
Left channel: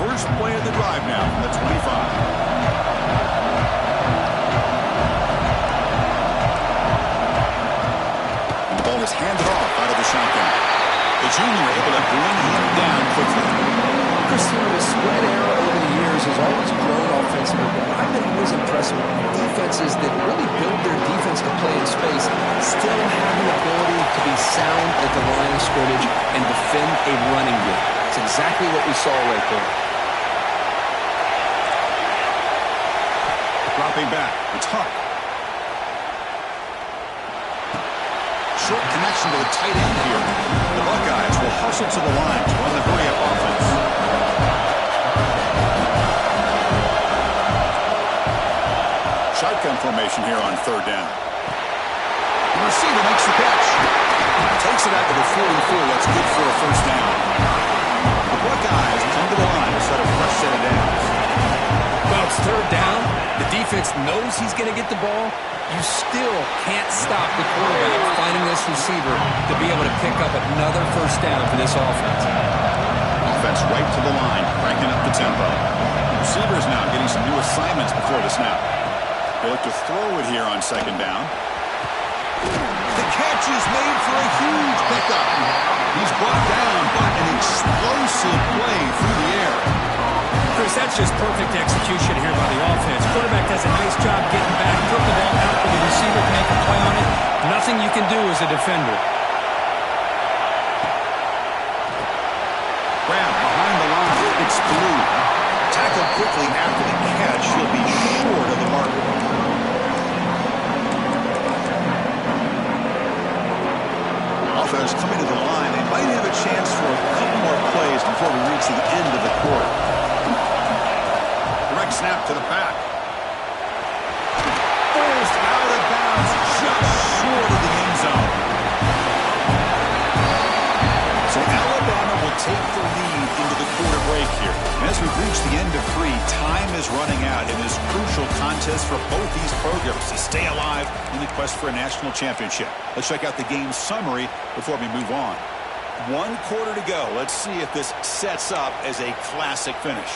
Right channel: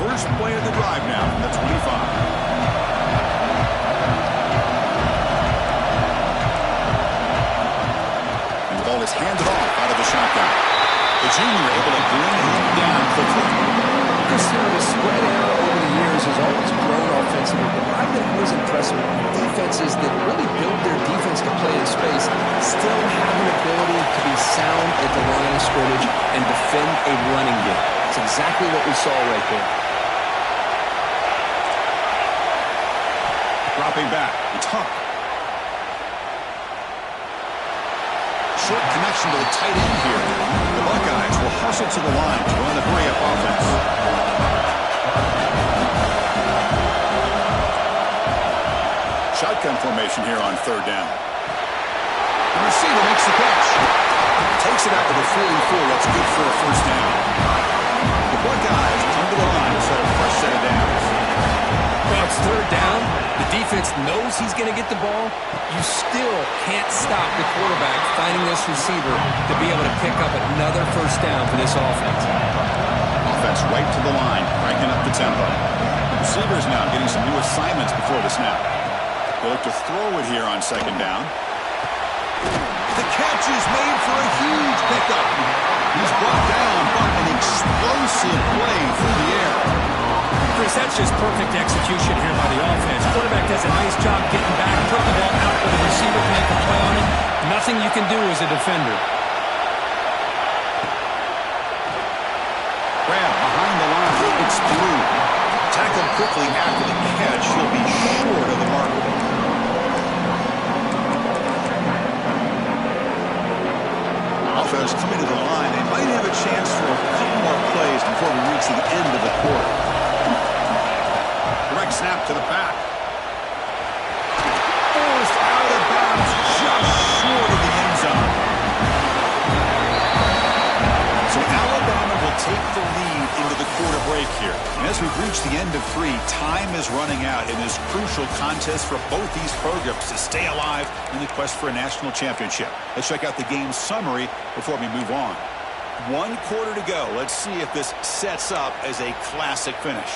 First play of the drive now from the 25. And the ball is handed off out of the shotgun. The junior able to bring him down quickly. Chris, the spread era over the years has always grown offensively, but I've been always impressed with defenses that really build their defense to play in space, still have an ability to be sound at the line of scrimmage and defend a running game. It's exactly what we saw right there. Dropping back, it's Huck. Short connection to the tight end here. The Buckeyes will hustle to the line to run the hurry-up offense. Shotgun formation here on 3rd down. The receiver makes the catch. Takes it out to the 44. That's good for a first down. The Buckeyes come to the line to set a fresh set of downs. Well, it's 3rd down. The defense knows he's going to get the ball. You still can't stop the quarterback finding this receiver to be able to pick up another first down for this offense. Offense right to the line, cranking up the tempo. Receivers now getting some new assignments before the snap. They look to throw it here on 2nd down. The catch is made for a huge pickup. He's brought down, but an explosive play through the air. Chris, that's just perfect execution here by the offense. Quarterback does a nice job getting back, putting the ball out where the receiver can make a play on it. Nothing you can do as a defender. Grab behind the line. It's through. Tackled quickly after the catch. He'll be short of the marker. Offense coming to the line. They might have a chance for a couple more plays before we reach the end of the quarter. Direct snap to the back. Forced out of bounds, just short of the end zone. So Alabama will will take the lead into the quarter break here. And as we've reached the end of 3, time is running out in this crucial contest for both these programs to stay alive in the quest for a national championship. Let's check out the game summary before we move on. 1 quarter to go. Let's see if this sets up as a classic finish.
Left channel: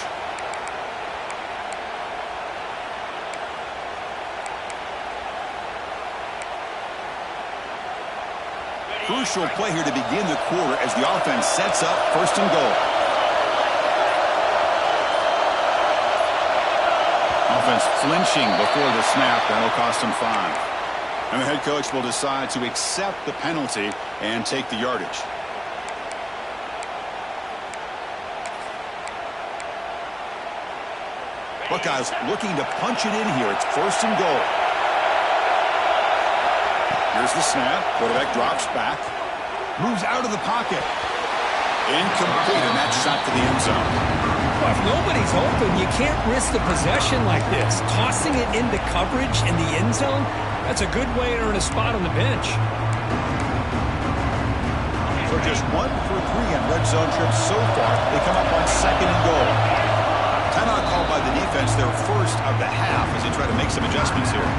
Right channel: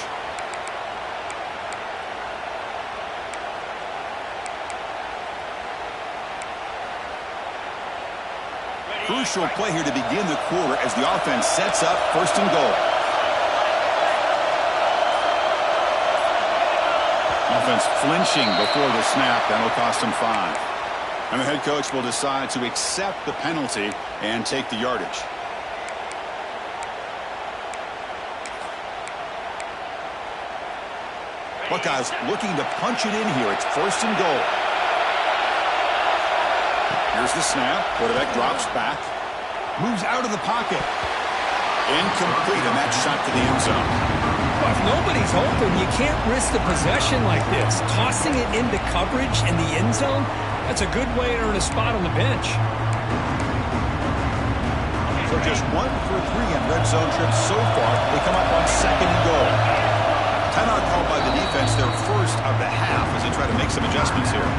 Crucial play here to begin the quarter as the offense sets up 1st and goal. Offense flinching before the snap. That'll cost them 5. And the head coach will decide to accept the penalty and take the yardage. Buckeyes looking to punch it in here. It's 1st and goal. Here's the snap. Quarterback drops back. Moves out of the pocket. Incomplete, and that shot to the end zone. Well, if nobody's open, you can't risk the possession like this. Tossing it into coverage in the end zone, that's a good way to earn a spot on the bench. So just 1 for 3 on red zone trips so far. They come up on 2nd and goal. Timeout called by the defense, their first of the half, as they try to make some adjustments here.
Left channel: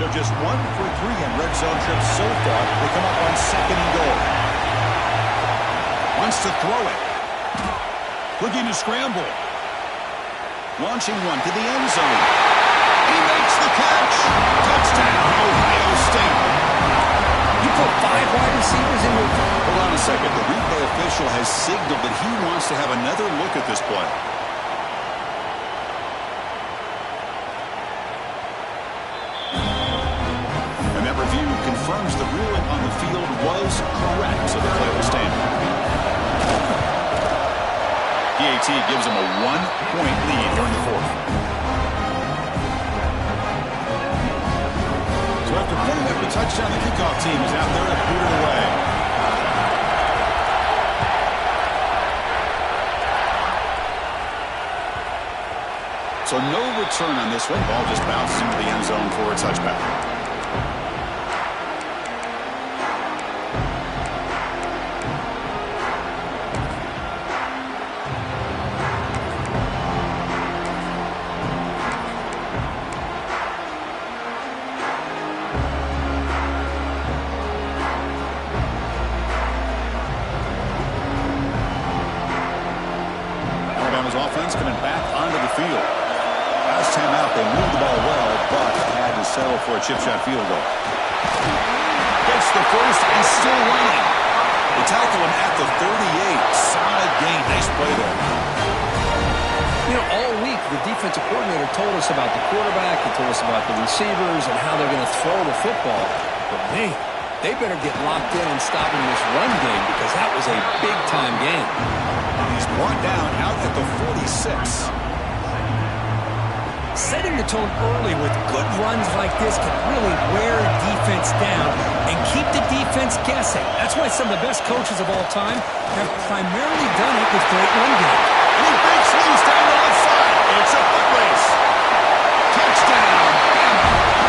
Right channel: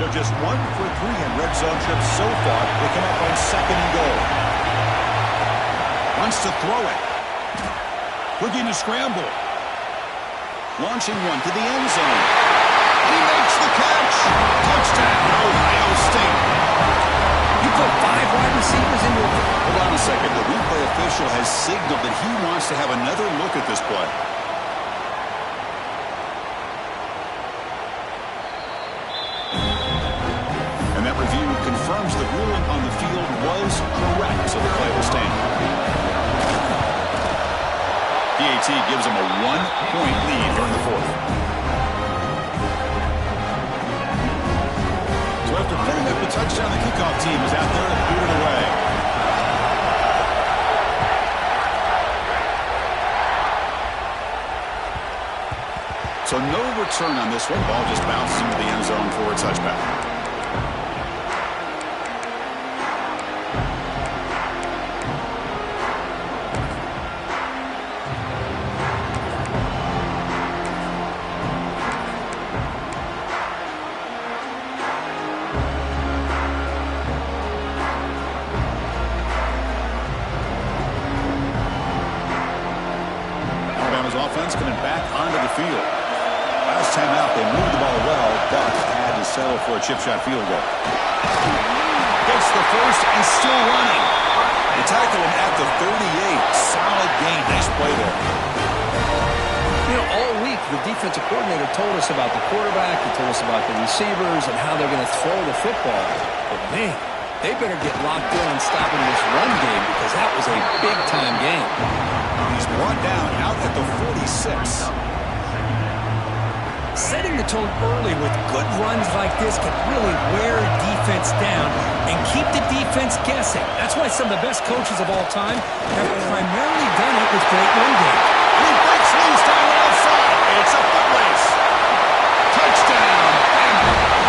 So just 1 for 3 in red zone trips so far. They come up on 2nd and goal. Wants to throw it. Looking to scramble. Launching one to the end zone. And he makes the catch. Touchdown, Ohio State. You put 5 wide receivers into a... Hold on a second. The replay official has signaled that he wants to have another look at this play. And that review confirms the ruling on the field was correct, so the play will stand. PAT gives them a 1-point lead here in the 4th. So after putting up a touchdown, the kickoff team is out there to boot it away. So no return on this one. Ball just bounces into the end zone for a touchback. Alabama's offense coming back onto the field. Last time out, they moved the ball well, but had to settle for a chip shot field goal. Gets the first and still running. They tackle him at the 38. Solid gain. Nice play there. You know, all week, the defensive coordinator told us about the quarterback. He told us about the receivers and how they're going to throw the football. But, man, they better get locked in on stopping this run game because that was a big-time game. He's brought down out at the 46. Setting the tone early with good runs like this can really wear a defense down and keep the defense guessing. That's why some of the best coaches of all time have primarily done it with great run games. And he breaks loose down the left side. It's a foot race. Touchdown.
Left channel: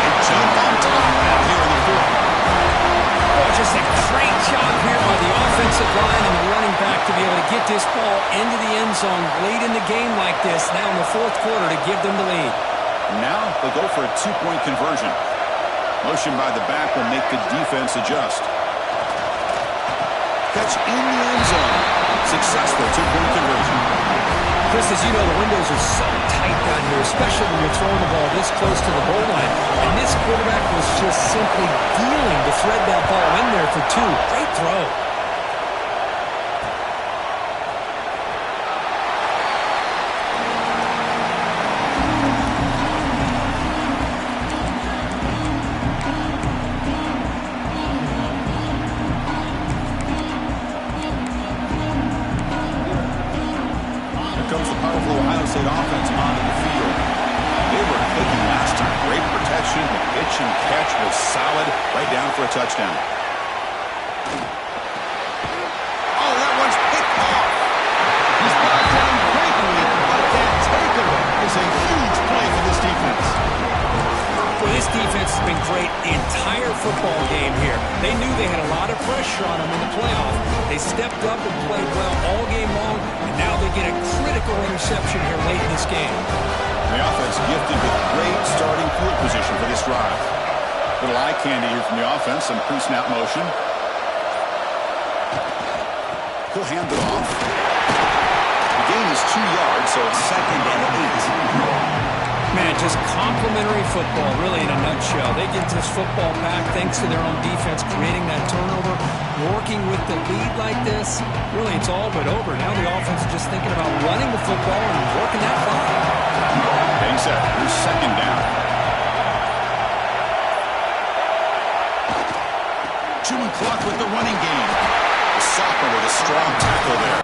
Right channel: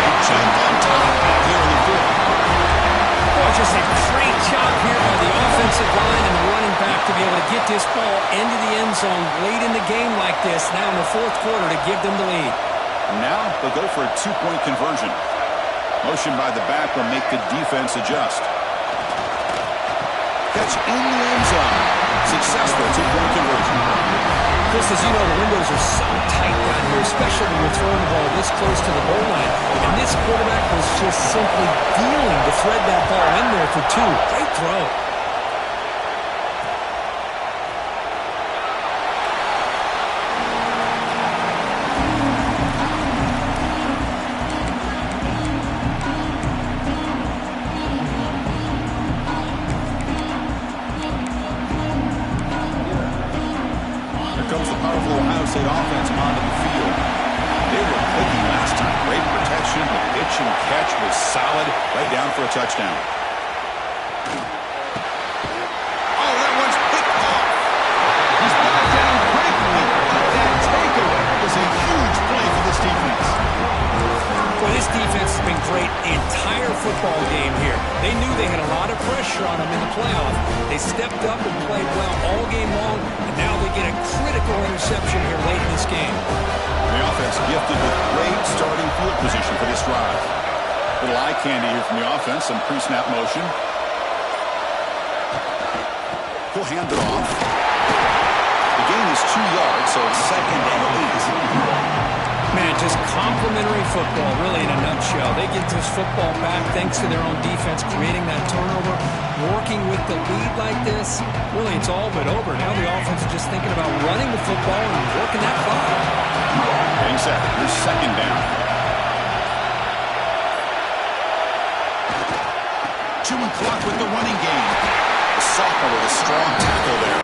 They jump on top now here in the 4th. Oh, just a great job here by the offensive line and the running back to be able to get this ball into the end zone late in the game like this, now in the 4th quarter, to give them the lead. Now they'll go for a 2-point conversion. Motion by the back will make the defense adjust. Catch in the end zone. Successful 2-point conversion. Chris, as you know, the windows are so tight down here, especially when you're throwing the ball this close to the goal line. And this quarterback was just simply dealing to thread that ball in there for 2. Great throw. Comes the powerful Ohio State offense onto the field. They were clicking last time. Great protection. The pitch and catch was solid. Right down for a touchdown. Oh, that one's picked off. He's brought down quickly, but that takeaway is a huge play for this defense. defense has been great the entire football game here. They knew they had a lot of pressure on them in the playoff. They stepped up and played well all game long, and now they get a critical interception here late in this game. The offense gifted with great starting field position for this drive. Little eye candy here from the offense, some pre-snap motion. He'll hand it off. The gain is 2 yards, so it's 2nd and 8. Man, just complimentary football, really, in a nutshell. They get this football back thanks to their own defense, creating that turnover, working with the lead like this. Really, it's all but over. Now the offense is just thinking about running the football and working that clock. Being set, here's 2nd down. Chewing clock with the running game. The sophomore with a strong tackle there.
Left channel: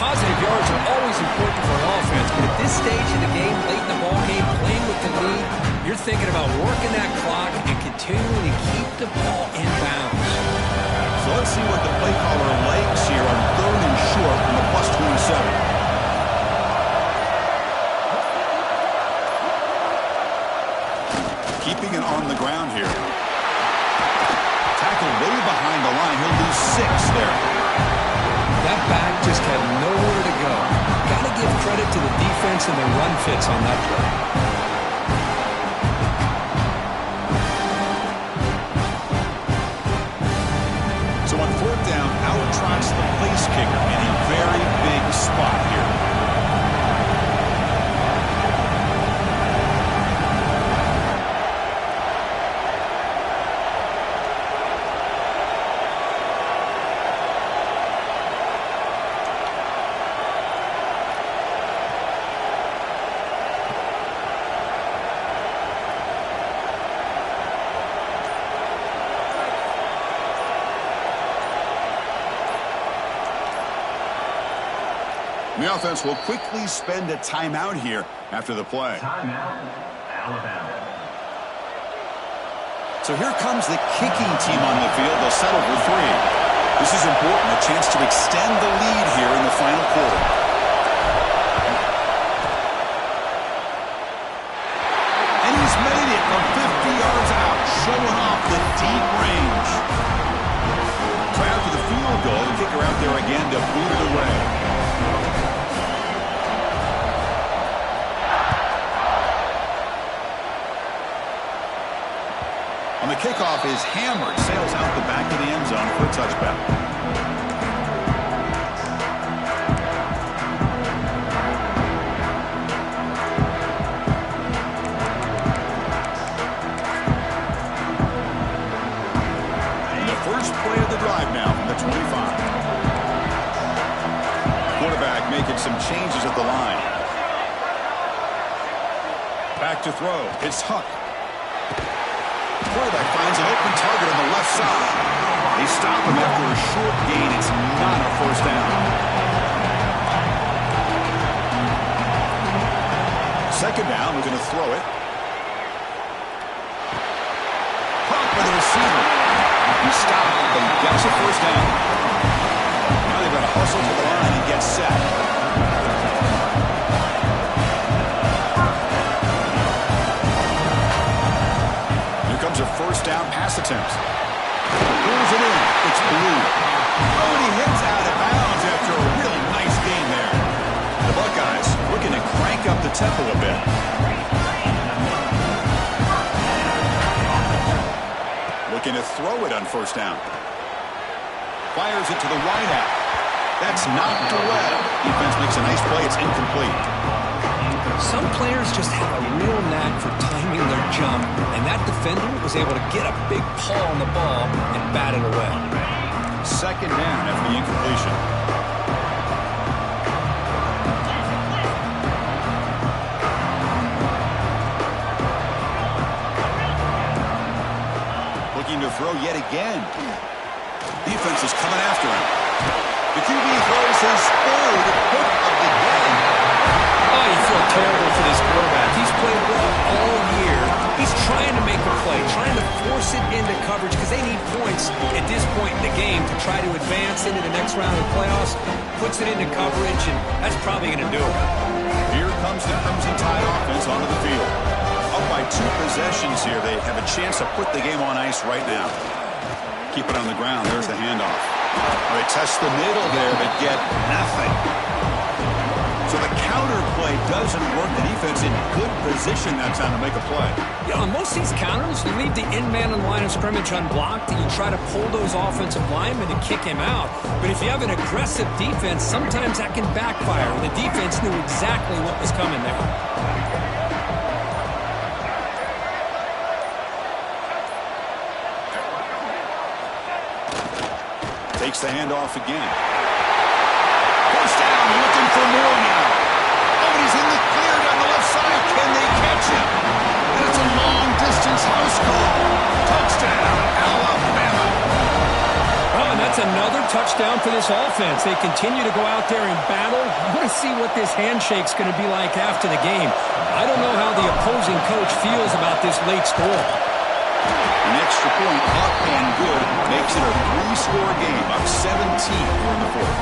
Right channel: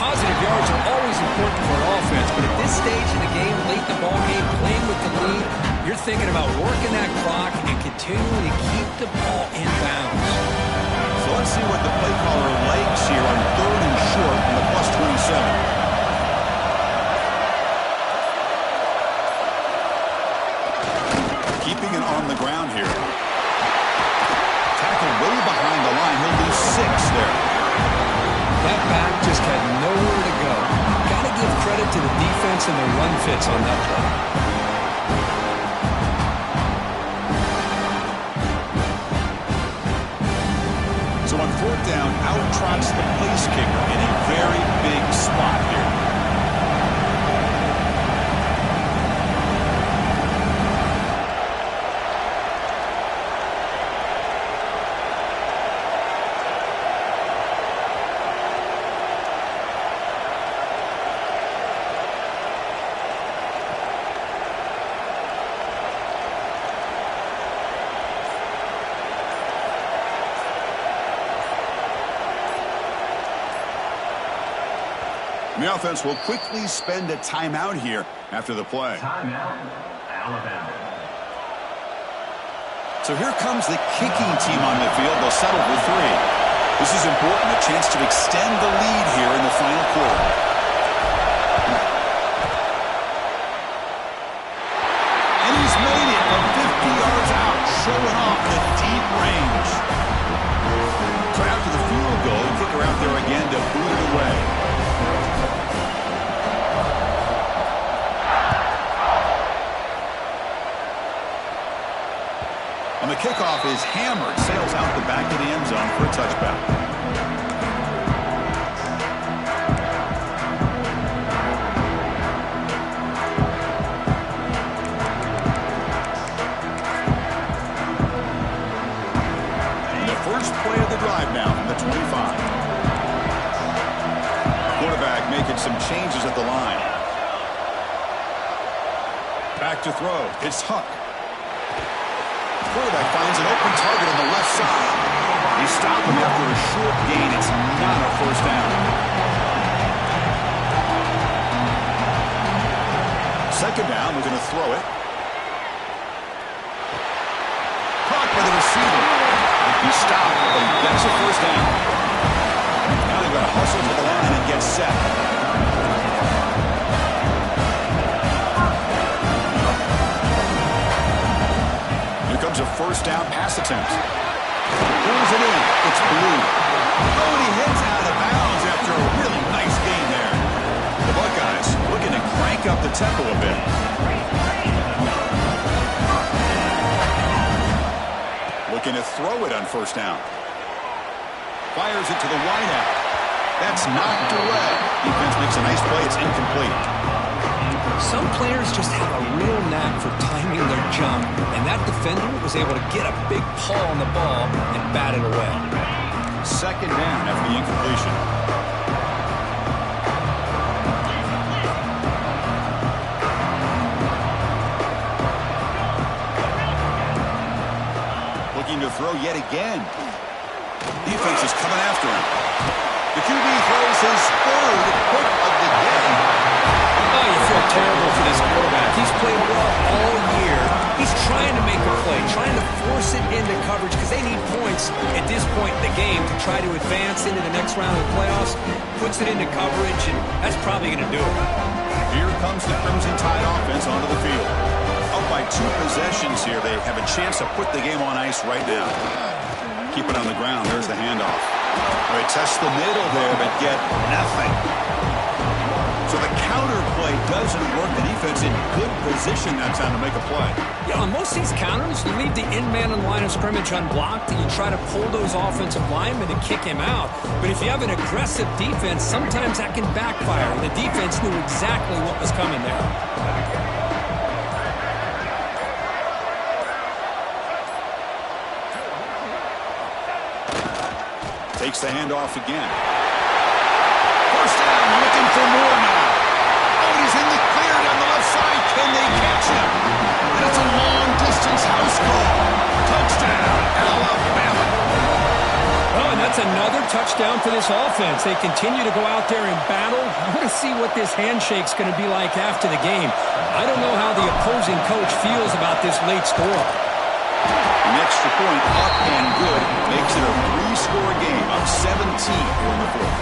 Positive yards are always important for an offense, but at this stage in the game, late in the ball game, playing with the lead, you're thinking about working that clock and continuing to keep the ball in bounds. So let's see what the play caller likes here on 3rd and short from the +27. Keeping it on the ground here. Tackle way behind the line. He'll lose 6 there. That back just had nowhere to go. Got to give credit to the defense and their run fits on that play. So on 4th down, out trots the place kicker in a very big spot here. The offense will quickly spend a timeout here after the play. Timeout, Alabama. So here comes the kicking team on the field. They'll settle for 3. This is important, a chance to extend the lead here in the final quarter. And he's made it from 50 yards out, showing off the deep range. So after the field goal, the kicker out there again to boot it away. On the kickoff is hammered, sails out the back of the end zone for a touchback. And the first play of the drive now from the 25. Quarterback making some changes at the line. Back to throw. It's Huck. Quarterback finds an open target on the left side. They stop him after a short gain. It's not a first down. 2nd down, we're going to throw it. Caught by the receiver. He stopped, but he gets a first down. Now they've got to hustle to the line and get set. Comes a first down pass attempt. Pulls it in. It's Blue. Oh, and he hits out of bounds after a really nice gain there. The Buckeyes looking to crank up the tempo a bit. Looking to throw it on first down. Fires it to the wideout. That's knocked away. Defense makes a nice play. It's incomplete. Some players just have a real knack for timing their jump, and that defender was able to get a big paw on the ball and bat it away. Second down after the incompletion. Looking to throw yet again. Defense is coming after him. The QB throws his third pick of the game. Oh, you feel terrible for this quarterback. He's played well all year. He's trying to make a play, trying to force it into coverage because they need points at this point in the game to try to advance into the next round of the playoffs. Puts it into coverage, and that's probably going to do it. Here comes the Crimson Tide offense onto the field. Up by 2 possessions here. They have a chance to put the game on ice right now. Keep it on the ground. There's the handoff. They test the middle there, but get nothing. So the counter play doesn't work. The defense in good position that time to make a play. Yeah, on most of these counters, you leave the in-man on the line of scrimmage unblocked, and you try to pull those offensive linemen to kick him out. But if you have an aggressive defense, sometimes that can backfire. And the defense knew exactly what was coming there. Takes the handoff again. First down, looking for more now. Oh, and he's in the clear down the left side. Can they catch him? And it's a long-distance house call. Touchdown, Alabama. Oh, and that's another touchdown for this offense. They continue to go out there and battle. I want to see what this handshake's going to be like after the game. I don't know how the opposing coach feels about this late score. An extra point up and good makes it a 3-score game, up 17 here in the fourth.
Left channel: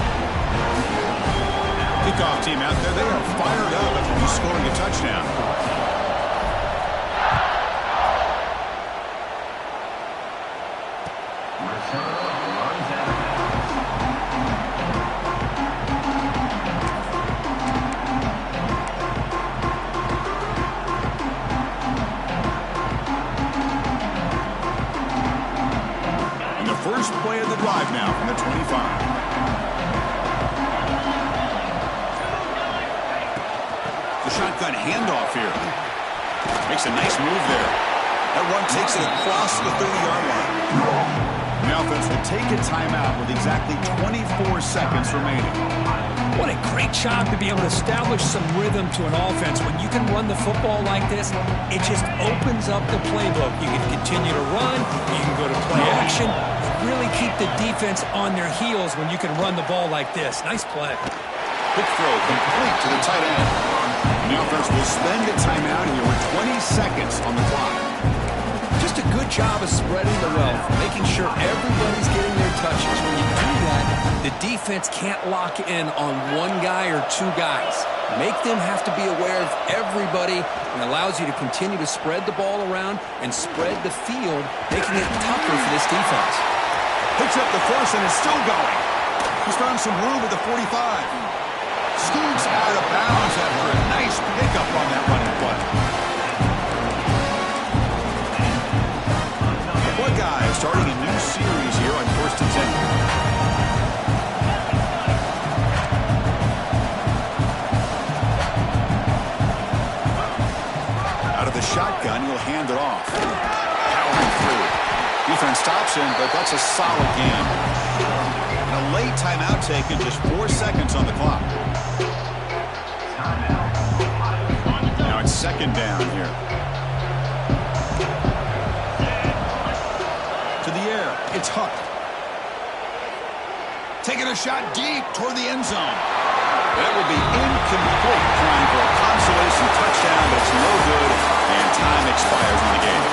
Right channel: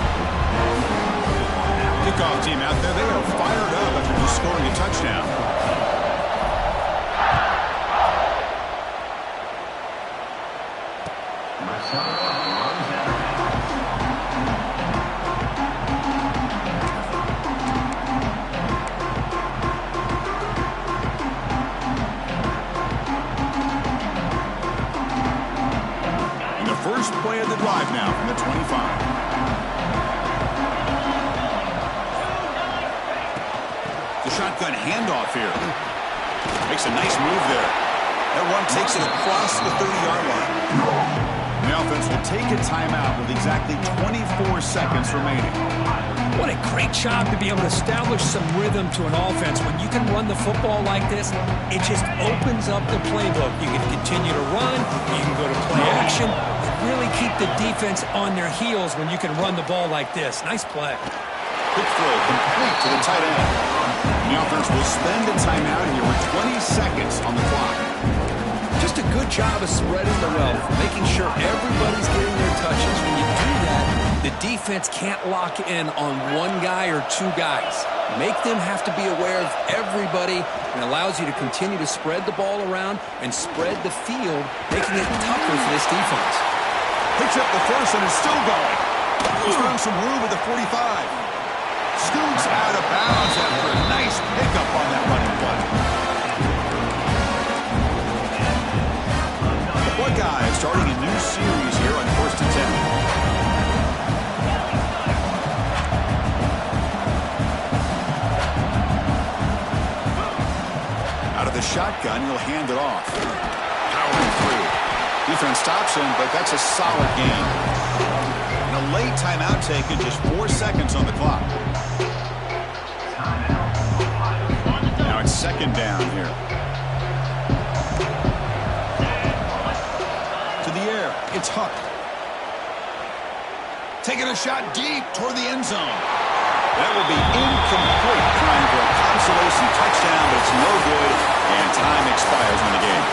Kickoff team out there, they are fired up after just scoring a touchdown. And the first play of the drive now from the 25. The shotgun handoff here. Makes a nice move there. That run takes it across the 30-yard line. The offense will take a timeout with exactly 24 seconds remaining. What a great job to be able to establish some rhythm to an offense. When you can run the football like this, it just opens up the playbook. You can continue to run, you can go to play action, and really keep the defense on their heels when you can run the ball like this. Nice play. Quick throw complete to the tight end. The offense will spend a timeout here with 20 seconds on the clock. Just a good job of spreading the wealth, making sure everybody's getting their touches. When you do that, the defense can't lock in on one guy or two guys. Make them have to be aware of everybody, and allows you to continue to spread the ball around and spread the field, making it tougher for this defense. Picks up the first and is still going. He's found some room at the 45. Scoots out of bounds after a nice pickup on that running play. The Buckeyes starting a new series here on 1st and 10. Out of the shotgun, he'll hand it off. Powering through. Defense stops him, but that's a solid gain. And a late timeout taken, just 4 seconds on the clock. Now it's second down here. To the air, it's Huck. Taking a shot deep toward the end zone. That will be incomplete, trying for a consolation touchdown, but it's no good, and time expires on the game.